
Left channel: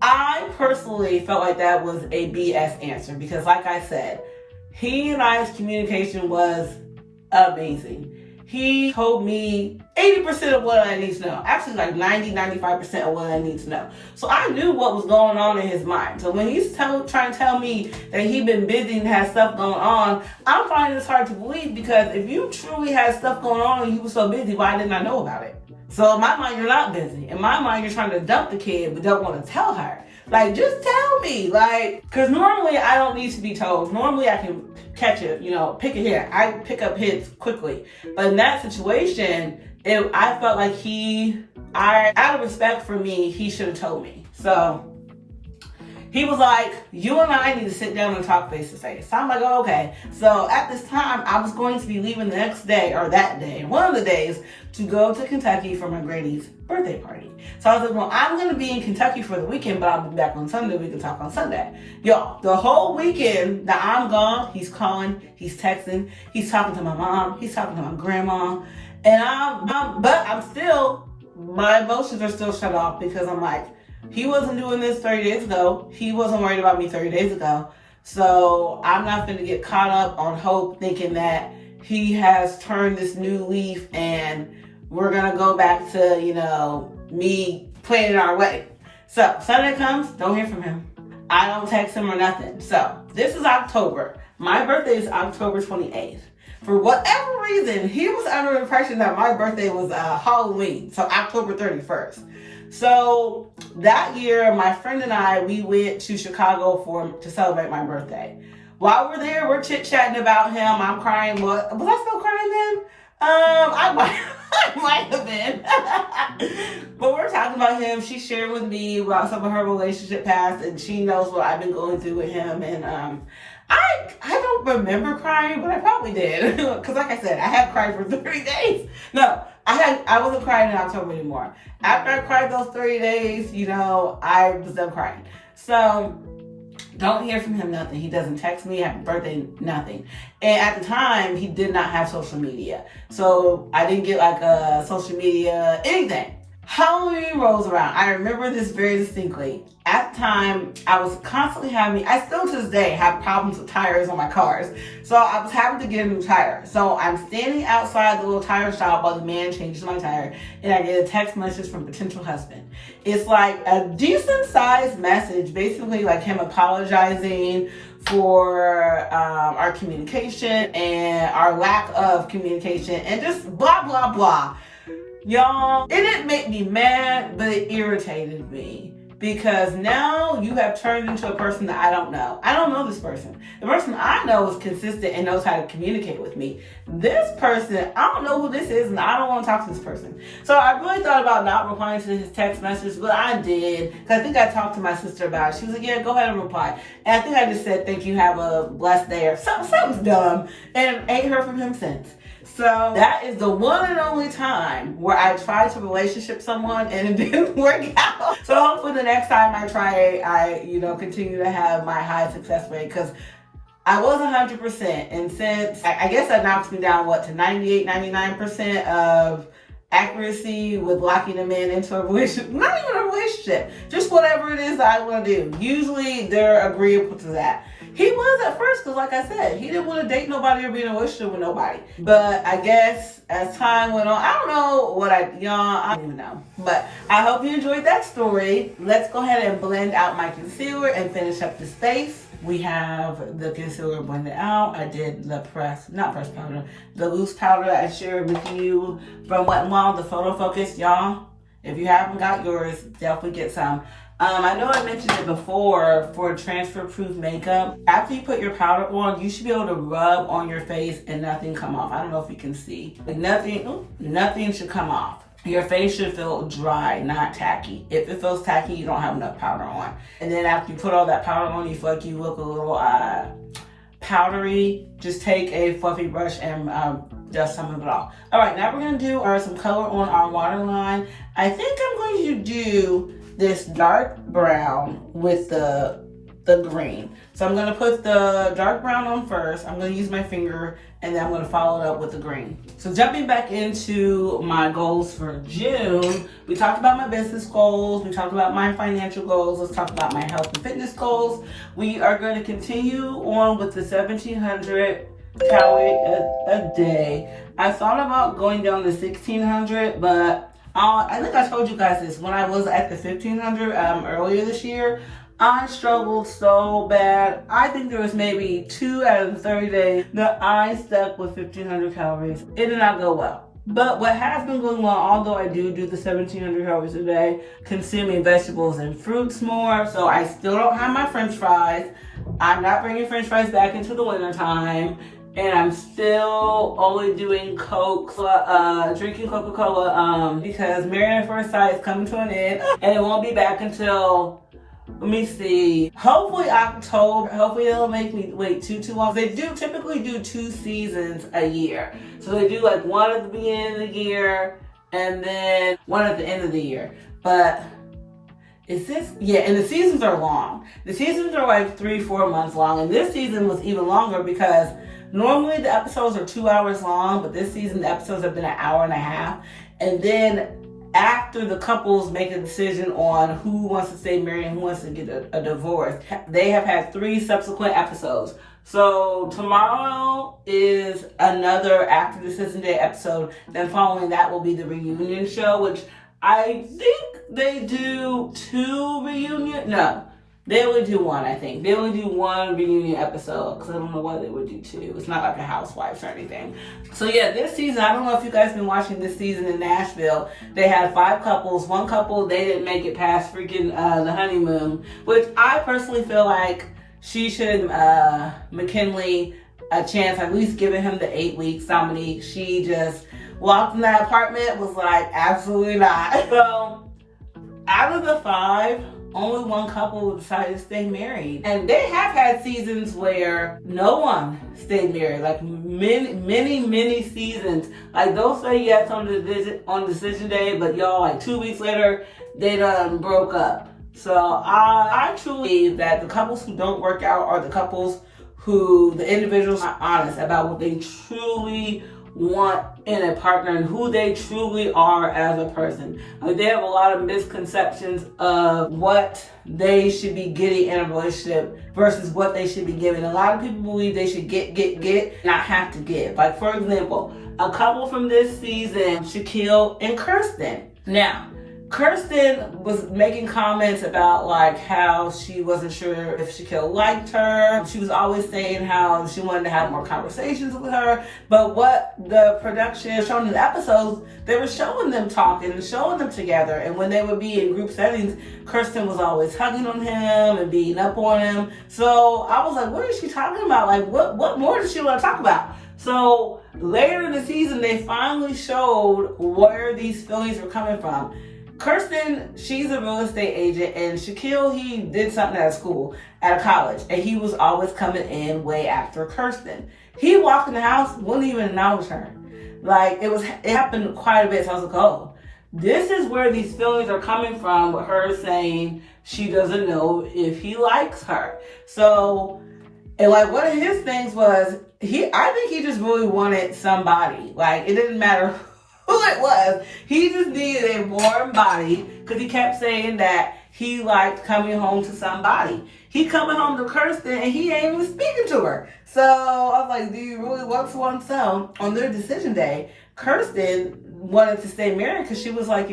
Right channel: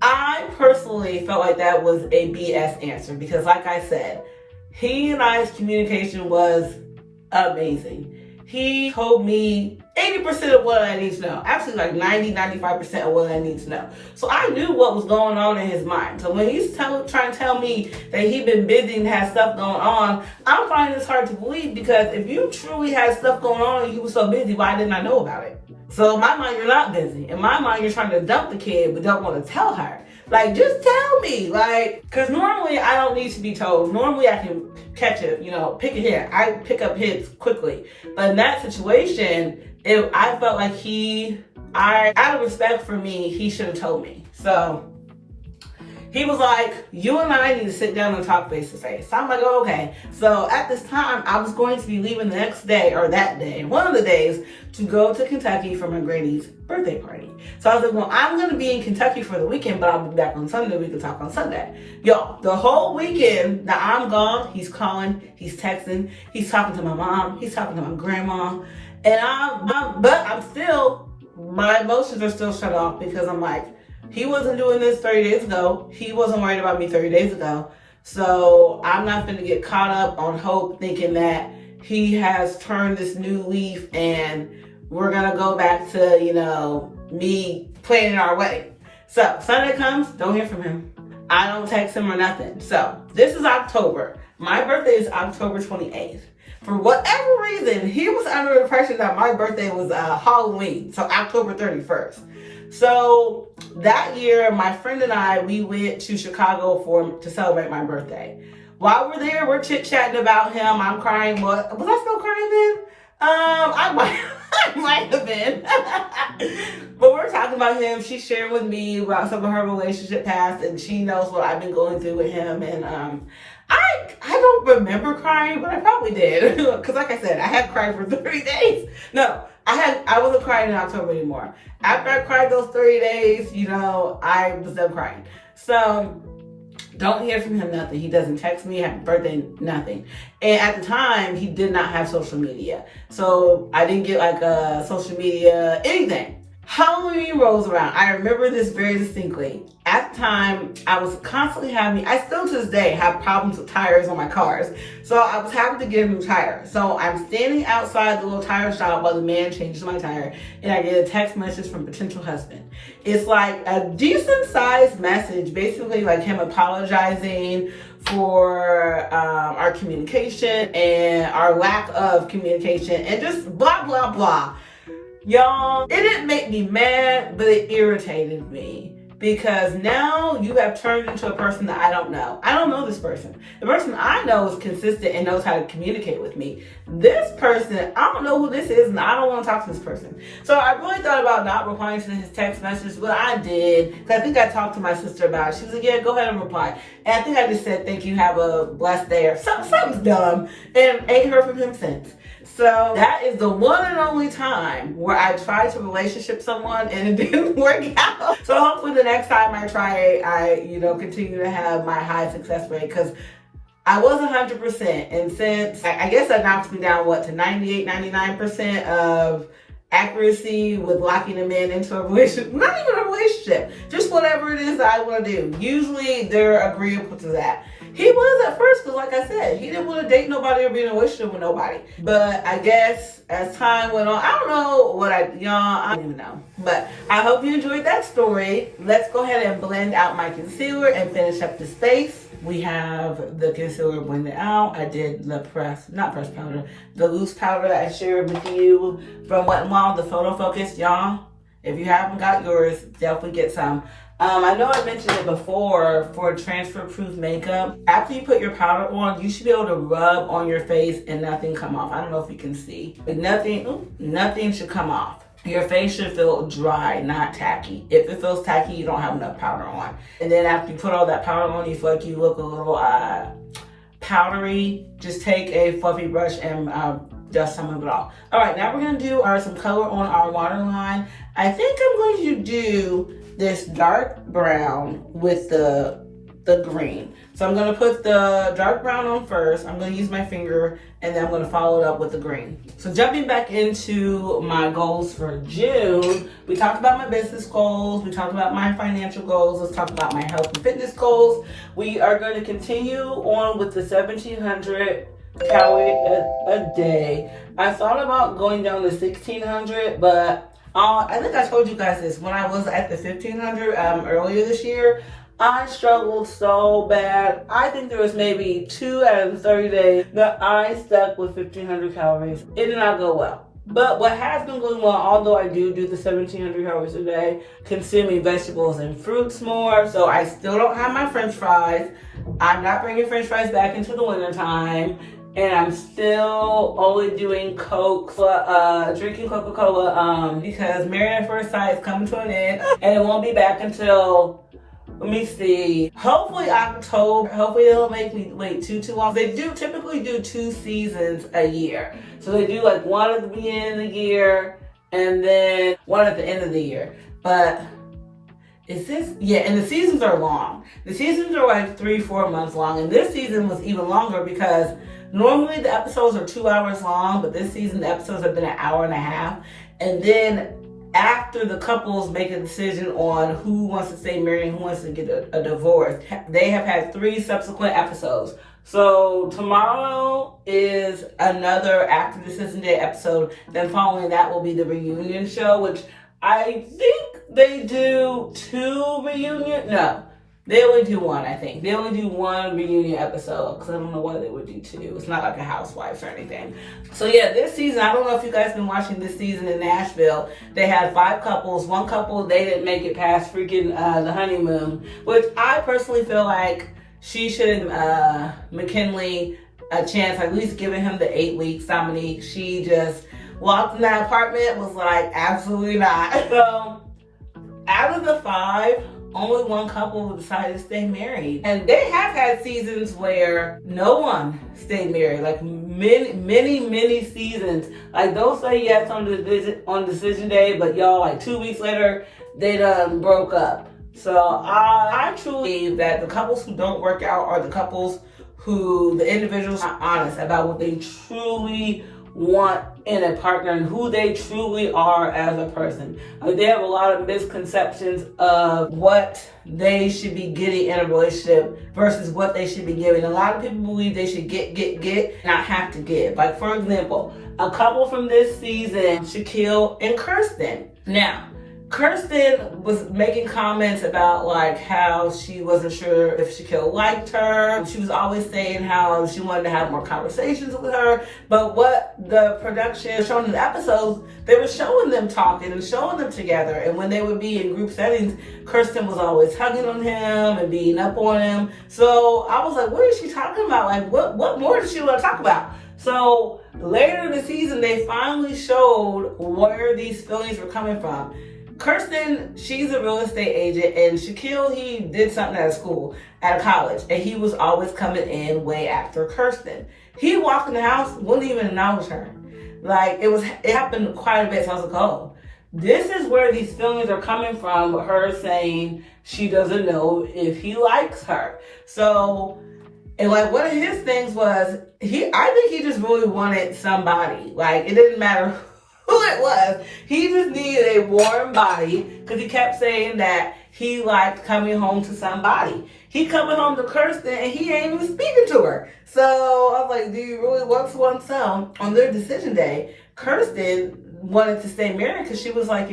I personally felt like that was a BS answer because, like I said, he and I's communication was amazing. He told me 80% of what I need to know. Actually, like 95% of what I need to know. So I knew what was going on in his mind. So when he's trying to tell me that he'd been busy and had stuff going on, I'm finding this hard to believe because if you truly had stuff going on and you were so busy, why didn't I know about it? So in my mind, you're not busy. In my mind, you're trying to dump the kid but don't want to tell her. Like, just tell me, like, because normally I don't need to be told. Normally I can catch it, pick a hit. I pick up hits quickly. But in that situation, I felt like out of respect for me, he should have told me. So he was like, you and I need to sit down and talk face to face. So I'm like, oh, okay. So at this time, I was going to be leaving the next day, or that day, one of the days, to go to Kentucky for my Grady's birthday party. So I was like, well, I'm going to be in Kentucky for the weekend, but I'll be back on Sunday. We can talk on Sunday. Y'all, the whole weekend that I'm gone, he's calling, he's texting, he's talking to my mom, he's talking to my grandma. And but I'm still, my emotions are still shut off because I'm like, he wasn't doing this 30 days ago. He wasn't worried about me 30 days ago. So I'm not going to get caught up on hope thinking that he has turned this new leaf and we're going to go back to, me planning our wedding. So Sunday comes, don't hear from him. I don't text him or nothing. So this is October. My birthday is October 28th. For whatever reason, he was under the impression that my birthday was Halloween, so October 31st. So that year, my friend and I, we went to Chicago to celebrate my birthday. While we're there, we're chit-chatting about him. I'm crying. Was I still crying then? I might have been. But we're talking about him. She shared with me about some of her relationship past, and she knows what I've been going through with him. And I don't remember crying, but I probably did. Because like I said, I had cried for 30 days. No, I wasn't crying in October anymore. After I cried those 30 days, I was done crying. So don't hear from him, nothing. He doesn't text me, happy birthday, nothing. And at the time, he did not have social media. So I didn't get like a social media, anything. Halloween rolls around. I remember this very distinctly. At the time, I was constantly I still to this day have problems with tires on my cars. So I was having to get a new tire. So I'm standing outside the little tire shop while the man changes my tire, and I get a text message from potential husband. It's like a decent sized message, basically like him apologizing for our communication and our lack of communication and just blah, blah, blah. Y'all, it didn't make me mad, but it irritated me. because now you have turned into a person that I don't know. I don't know this person. The person I know is consistent and knows how to communicate with me. This person, I don't know who this is, and I don't want to talk to this person. So I really thought about not replying to his text message, but I did, because I think I talked to my sister about it. She was like, yeah, go ahead and reply. And I think I just said, thank you, have a blessed day, or something's dumb, and ain't heard from him since. So that is the one and only time where I tried to relationship someone and it didn't work out. So hopefully the next time I try, I continue to have my high success rate, because I was 100%. And since, I guess that knocks me down, to 98, 99% of accuracy with locking a man into a relationship. Not even a relationship, just whatever it is that I want to do. Usually they're agreeable to that. He was at first, because like I said, he didn't want to date nobody or be in a relationship with nobody. But I guess as time went on, I don't know I don't even know. But I hope you enjoyed that story. Let's go ahead and blend out my concealer and finish up this face. We have the concealer blended out. I did the the loose powder that I shared with you from Wet n Wild, the Photo Focus. Y'all, if you haven't got yours, definitely get some. I know I mentioned it before, for transfer-proof makeup, after you put your powder on, you should be able to rub on your face and nothing come off. I don't know if you can see. Nothing should come off. Your face should feel dry, not tacky. If it feels tacky, you don't have enough powder on. And then after you put all that powder on, you feel like you look a little powdery. Just take a fluffy brush and dust some of it off. All right, now we're gonna do some color on our waterline. I think I'm going to do this dark brown with the green. So I'm gonna put the dark brown on first. I'm gonna use my finger, and then I'm gonna follow it up with the green. So jumping back into my goals for June, we talked about my business goals, we talked about my financial goals, let's talk about my health and fitness goals. We are going to continue on with the 1,700 calories a day. I thought about going down to 1,600, but I think I told you guys this, when I was at the 1,500 earlier this year, I struggled so bad. I think there was maybe 2 out of the 30 days that I stuck with 1,500 calories. It did not go well. But what has been going well, although I do the 1,700 calories a day, consuming vegetables and fruits more, so I still don't have my French fries. I'm not bringing French fries back into the winter time. And I'm still only doing Coke, drinking Coca-Cola, because Married at First Sight is coming to an end, and it won't be back until, let me see, hopefully October. Hopefully it'll make me wait too long. They do typically do 2 seasons a year. So they do like one at the beginning of the year, and then one at the end of the year. But and the seasons are long. The seasons are like 3-4 months long, and this season was even longer because normally the episodes are 2 hours long, but this season the episodes have been 1.5 hours. And then after the couples make a decision on who wants to stay married and who wants to get a divorce, they have had 3 subsequent episodes. So tomorrow is another After Decision Day episode. Then following that will be the reunion show, which I think they do 2 reunion. No, they only do 1, I think. They only do 1 reunion episode, because I don't know why they would do 2. It's not like a Housewives or anything. So yeah, this season, I don't know if you guys been watching this season in Nashville. They had 5 couples. 1 couple, they didn't make it past freaking the honeymoon, which I personally feel like she should McKinley a chance, at least giving him the 8 weeks. Dominique, she just walked in that apartment, was like, absolutely not. So out of the 5, only 1 couple decided to stay married. And they have had seasons where no one stayed married, like many seasons. Like they'll say yes on decision day, but y'all, like 2 weeks later, they done broke up. So I truly believe that the couples who don't work out are the couples who the individuals are honest about what they truly want in a partner and who they truly are as a person. Like they have a lot of misconceptions of what they should be getting in a relationship versus what they should be giving. A lot of people believe they should get, not have to give. Like for example, a couple from this season, Shaquille and Kirsten. Now, Kirsten was making comments about like how she wasn't sure if Shaquille liked her. She was always saying how she wanted to have more conversations with her. But what the production showing in the episodes, they were showing them talking and showing them together. And when they would be in group settings, Kirsten was always hugging on him and beating up on him. So I was like, what is she talking about? Like, what more does she want to talk about? So later in the season, they finally showed where these feelings were coming from. Kirsten, she's a real estate agent, and Shaquille, he did something at a school, at a college, and he was always coming in way after Kirsten. He walked in the house, wouldn't even acknowledge her. Like, it happened quite a bit, so I was like, oh, this is where these feelings are coming from, with her saying she doesn't know if he likes her. So, and like one of his things was, I think he just really wanted somebody. Like, it didn't matter who it was. He just needed a warm body because he kept saying that he liked coming home to somebody. He coming home to Kirsten and he ain't even speaking to her. So I was like, do you really want someone? So on their decision day, Kirsten wanted to stay married because she was like,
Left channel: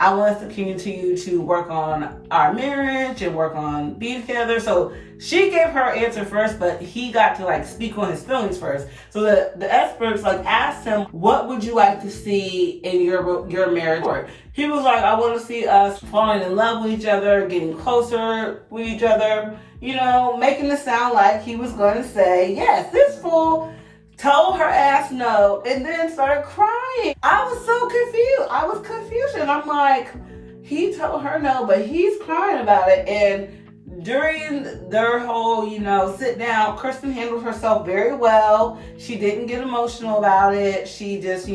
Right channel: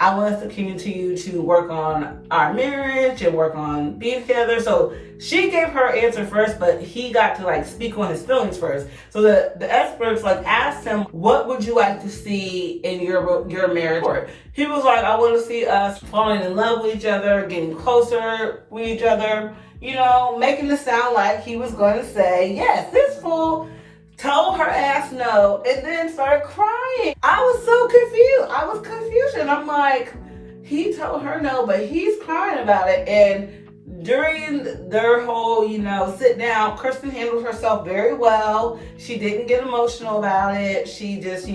I want us to continue to work on our marriage and work on being together. So she gave her answer first, but he got to like speak on his feelings first. So the experts like asked him, what would you like to see in your marriage? He was like, I want to see us falling in love with each other, getting closer with each other, making it sound like he was going to say, yes, this fool told her ass no, and then started crying. I was so confused. I was confused. And I'm like, he told her no, but he's crying about it. And during their whole, sit down, Kirsten handled herself very well. She didn't get emotional about it. She just,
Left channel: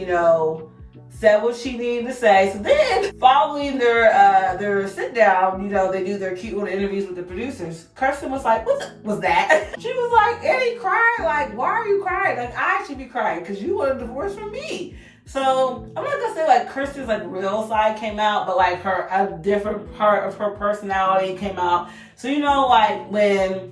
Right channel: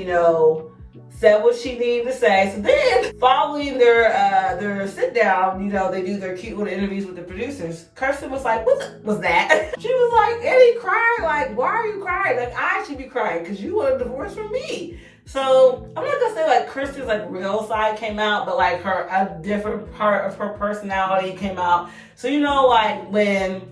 said what she needed to say. So then, following their sit down, they do their cute little interviews with the producers. Kirsten was like, "What was that?" She was like, "And he crying. Like, why are you crying? Like, I should be crying because you want a divorce from me." So I'm not gonna say like Kirsten's like real side came out, but like a different part of her personality came out. So like when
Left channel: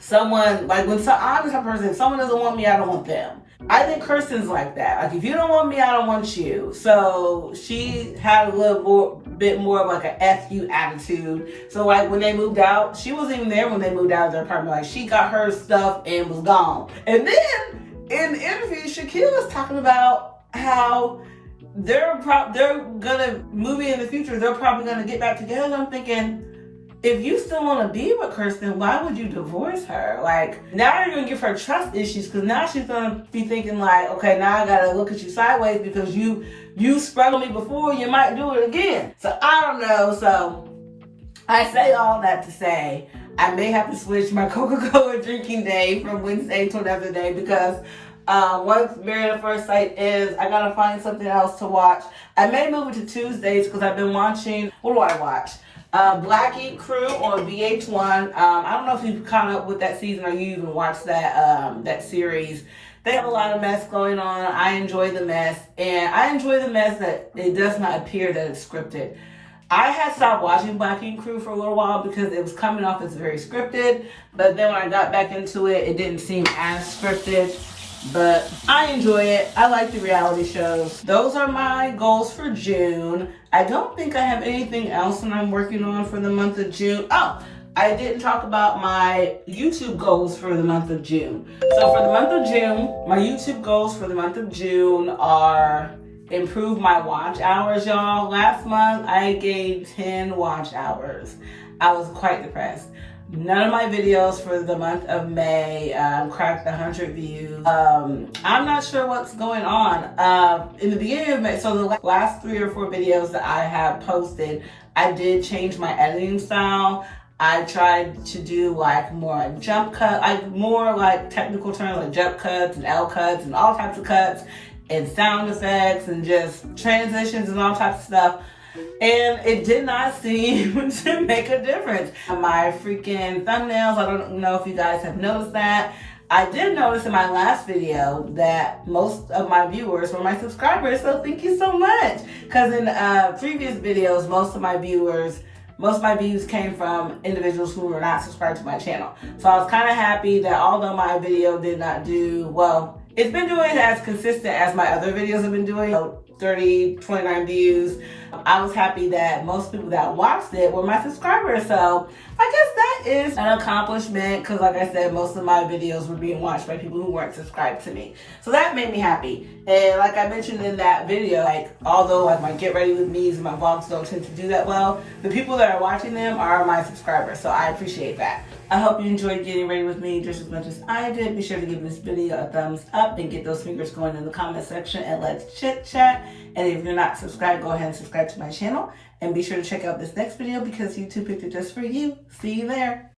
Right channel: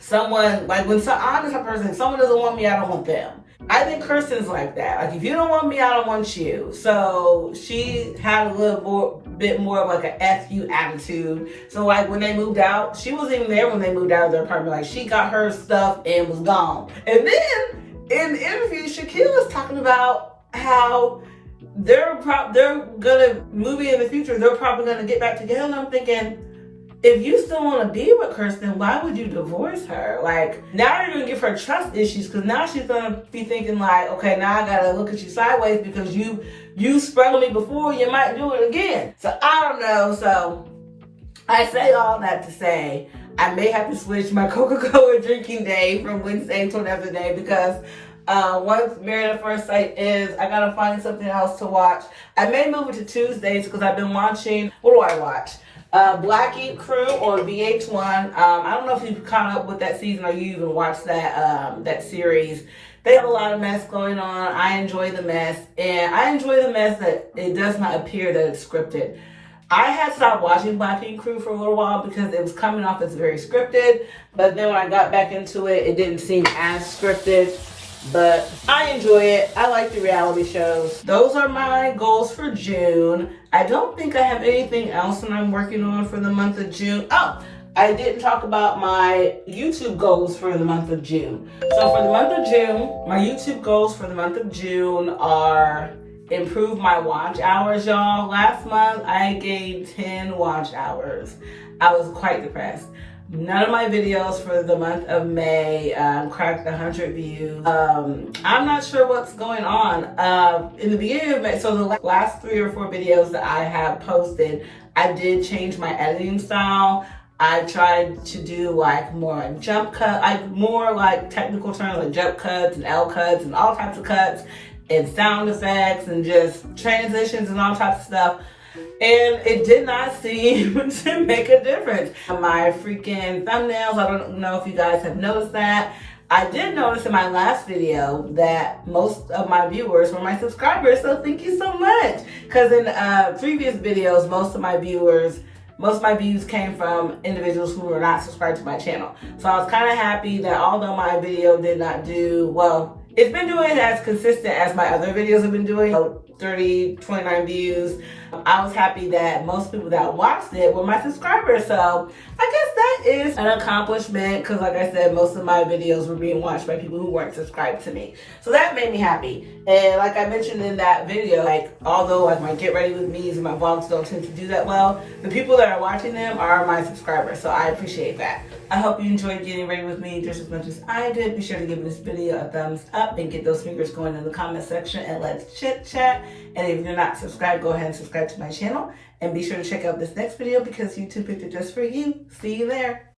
someone I'm the person, if someone doesn't want me, I don't want them. I think Kirsten's like that. Like, if you don't want me, I don't want you. So she had a bit more of like a F you attitude. So like when they moved out, she wasn't even there when they moved out of their apartment. Like, she got her stuff and was gone. And then in the interview, Shaquille was talking about how they're gonna movie in the future. They're probably gonna get back together. And I'm thinking, if you still want to be with Kirsten, why would you divorce her? Like, now you're going to give her trust issues because now she's going to be thinking like, okay, now I got to look at you sideways because you sprung on me before, you might do it again. So I don't know. So I say all that to say I may have to switch my Coca-Cola drinking day from Wednesday to another day because once Married at First Sight is, I got to find something else to watch. I may move it to Tuesdays because I've been watching, what do I watch? Black Ink Crew on VH1. I don't know if you've caught up with that season or you even watched that series. They have a lot of mess going on. I enjoy the mess, and I enjoy the mess that it does not appear that it's scripted. I had stopped watching Black Ink Crew for a little while because it was coming off as very scripted, but then when I got back into it, it didn't seem as scripted. But I enjoy it. I like the reality shows. Those are my goals for June. I don't think I have anything else that I'm working on for the month of June. Oh, I didn't talk about my YouTube goals for the month of June. So for the month of June, my YouTube goals for the month of June are improve my watch hours, y'all. Last month, I gained 10 watch hours. I was quite depressed. None of my videos for the month of May cracked 100 views. I'm not sure what's going on. In the beginning of May, so the last 3 or 4 videos that I have posted, I did change my editing style. I tried to do like more jump cut, more like technical terms like jump cuts and L cuts and all types of cuts and sound effects and just transitions and all types of stuff. And it did not seem to make a difference. My freaking thumbnails, I don't know if you guys have noticed that. I did notice in my last video that most of my viewers were my subscribers, so thank you so much. Because in previous videos, most of my views came from individuals who were not subscribed to my channel. So I was kind of happy that although my video did not do well, it's been doing as consistent as my other videos have been doing. So 29 views. I was happy that most people that watched it were my subscribers. So I guess that is an accomplishment because like I said, most of my videos were being watched by people who weren't subscribed to me. So that made me happy. And like I mentioned in that video, like although like my get ready with me's and my vlogs don't tend to do that well, the people that are watching them are my subscribers. So I appreciate that. I hope you enjoyed getting ready with me just as much as I did. Be sure to give this video a thumbs up and get those fingers going in the comment section and let's chit chat. And if you're not subscribed, go ahead and subscribe to my channel. And be sure to check out this next video because YouTube picked it just for you. See you there.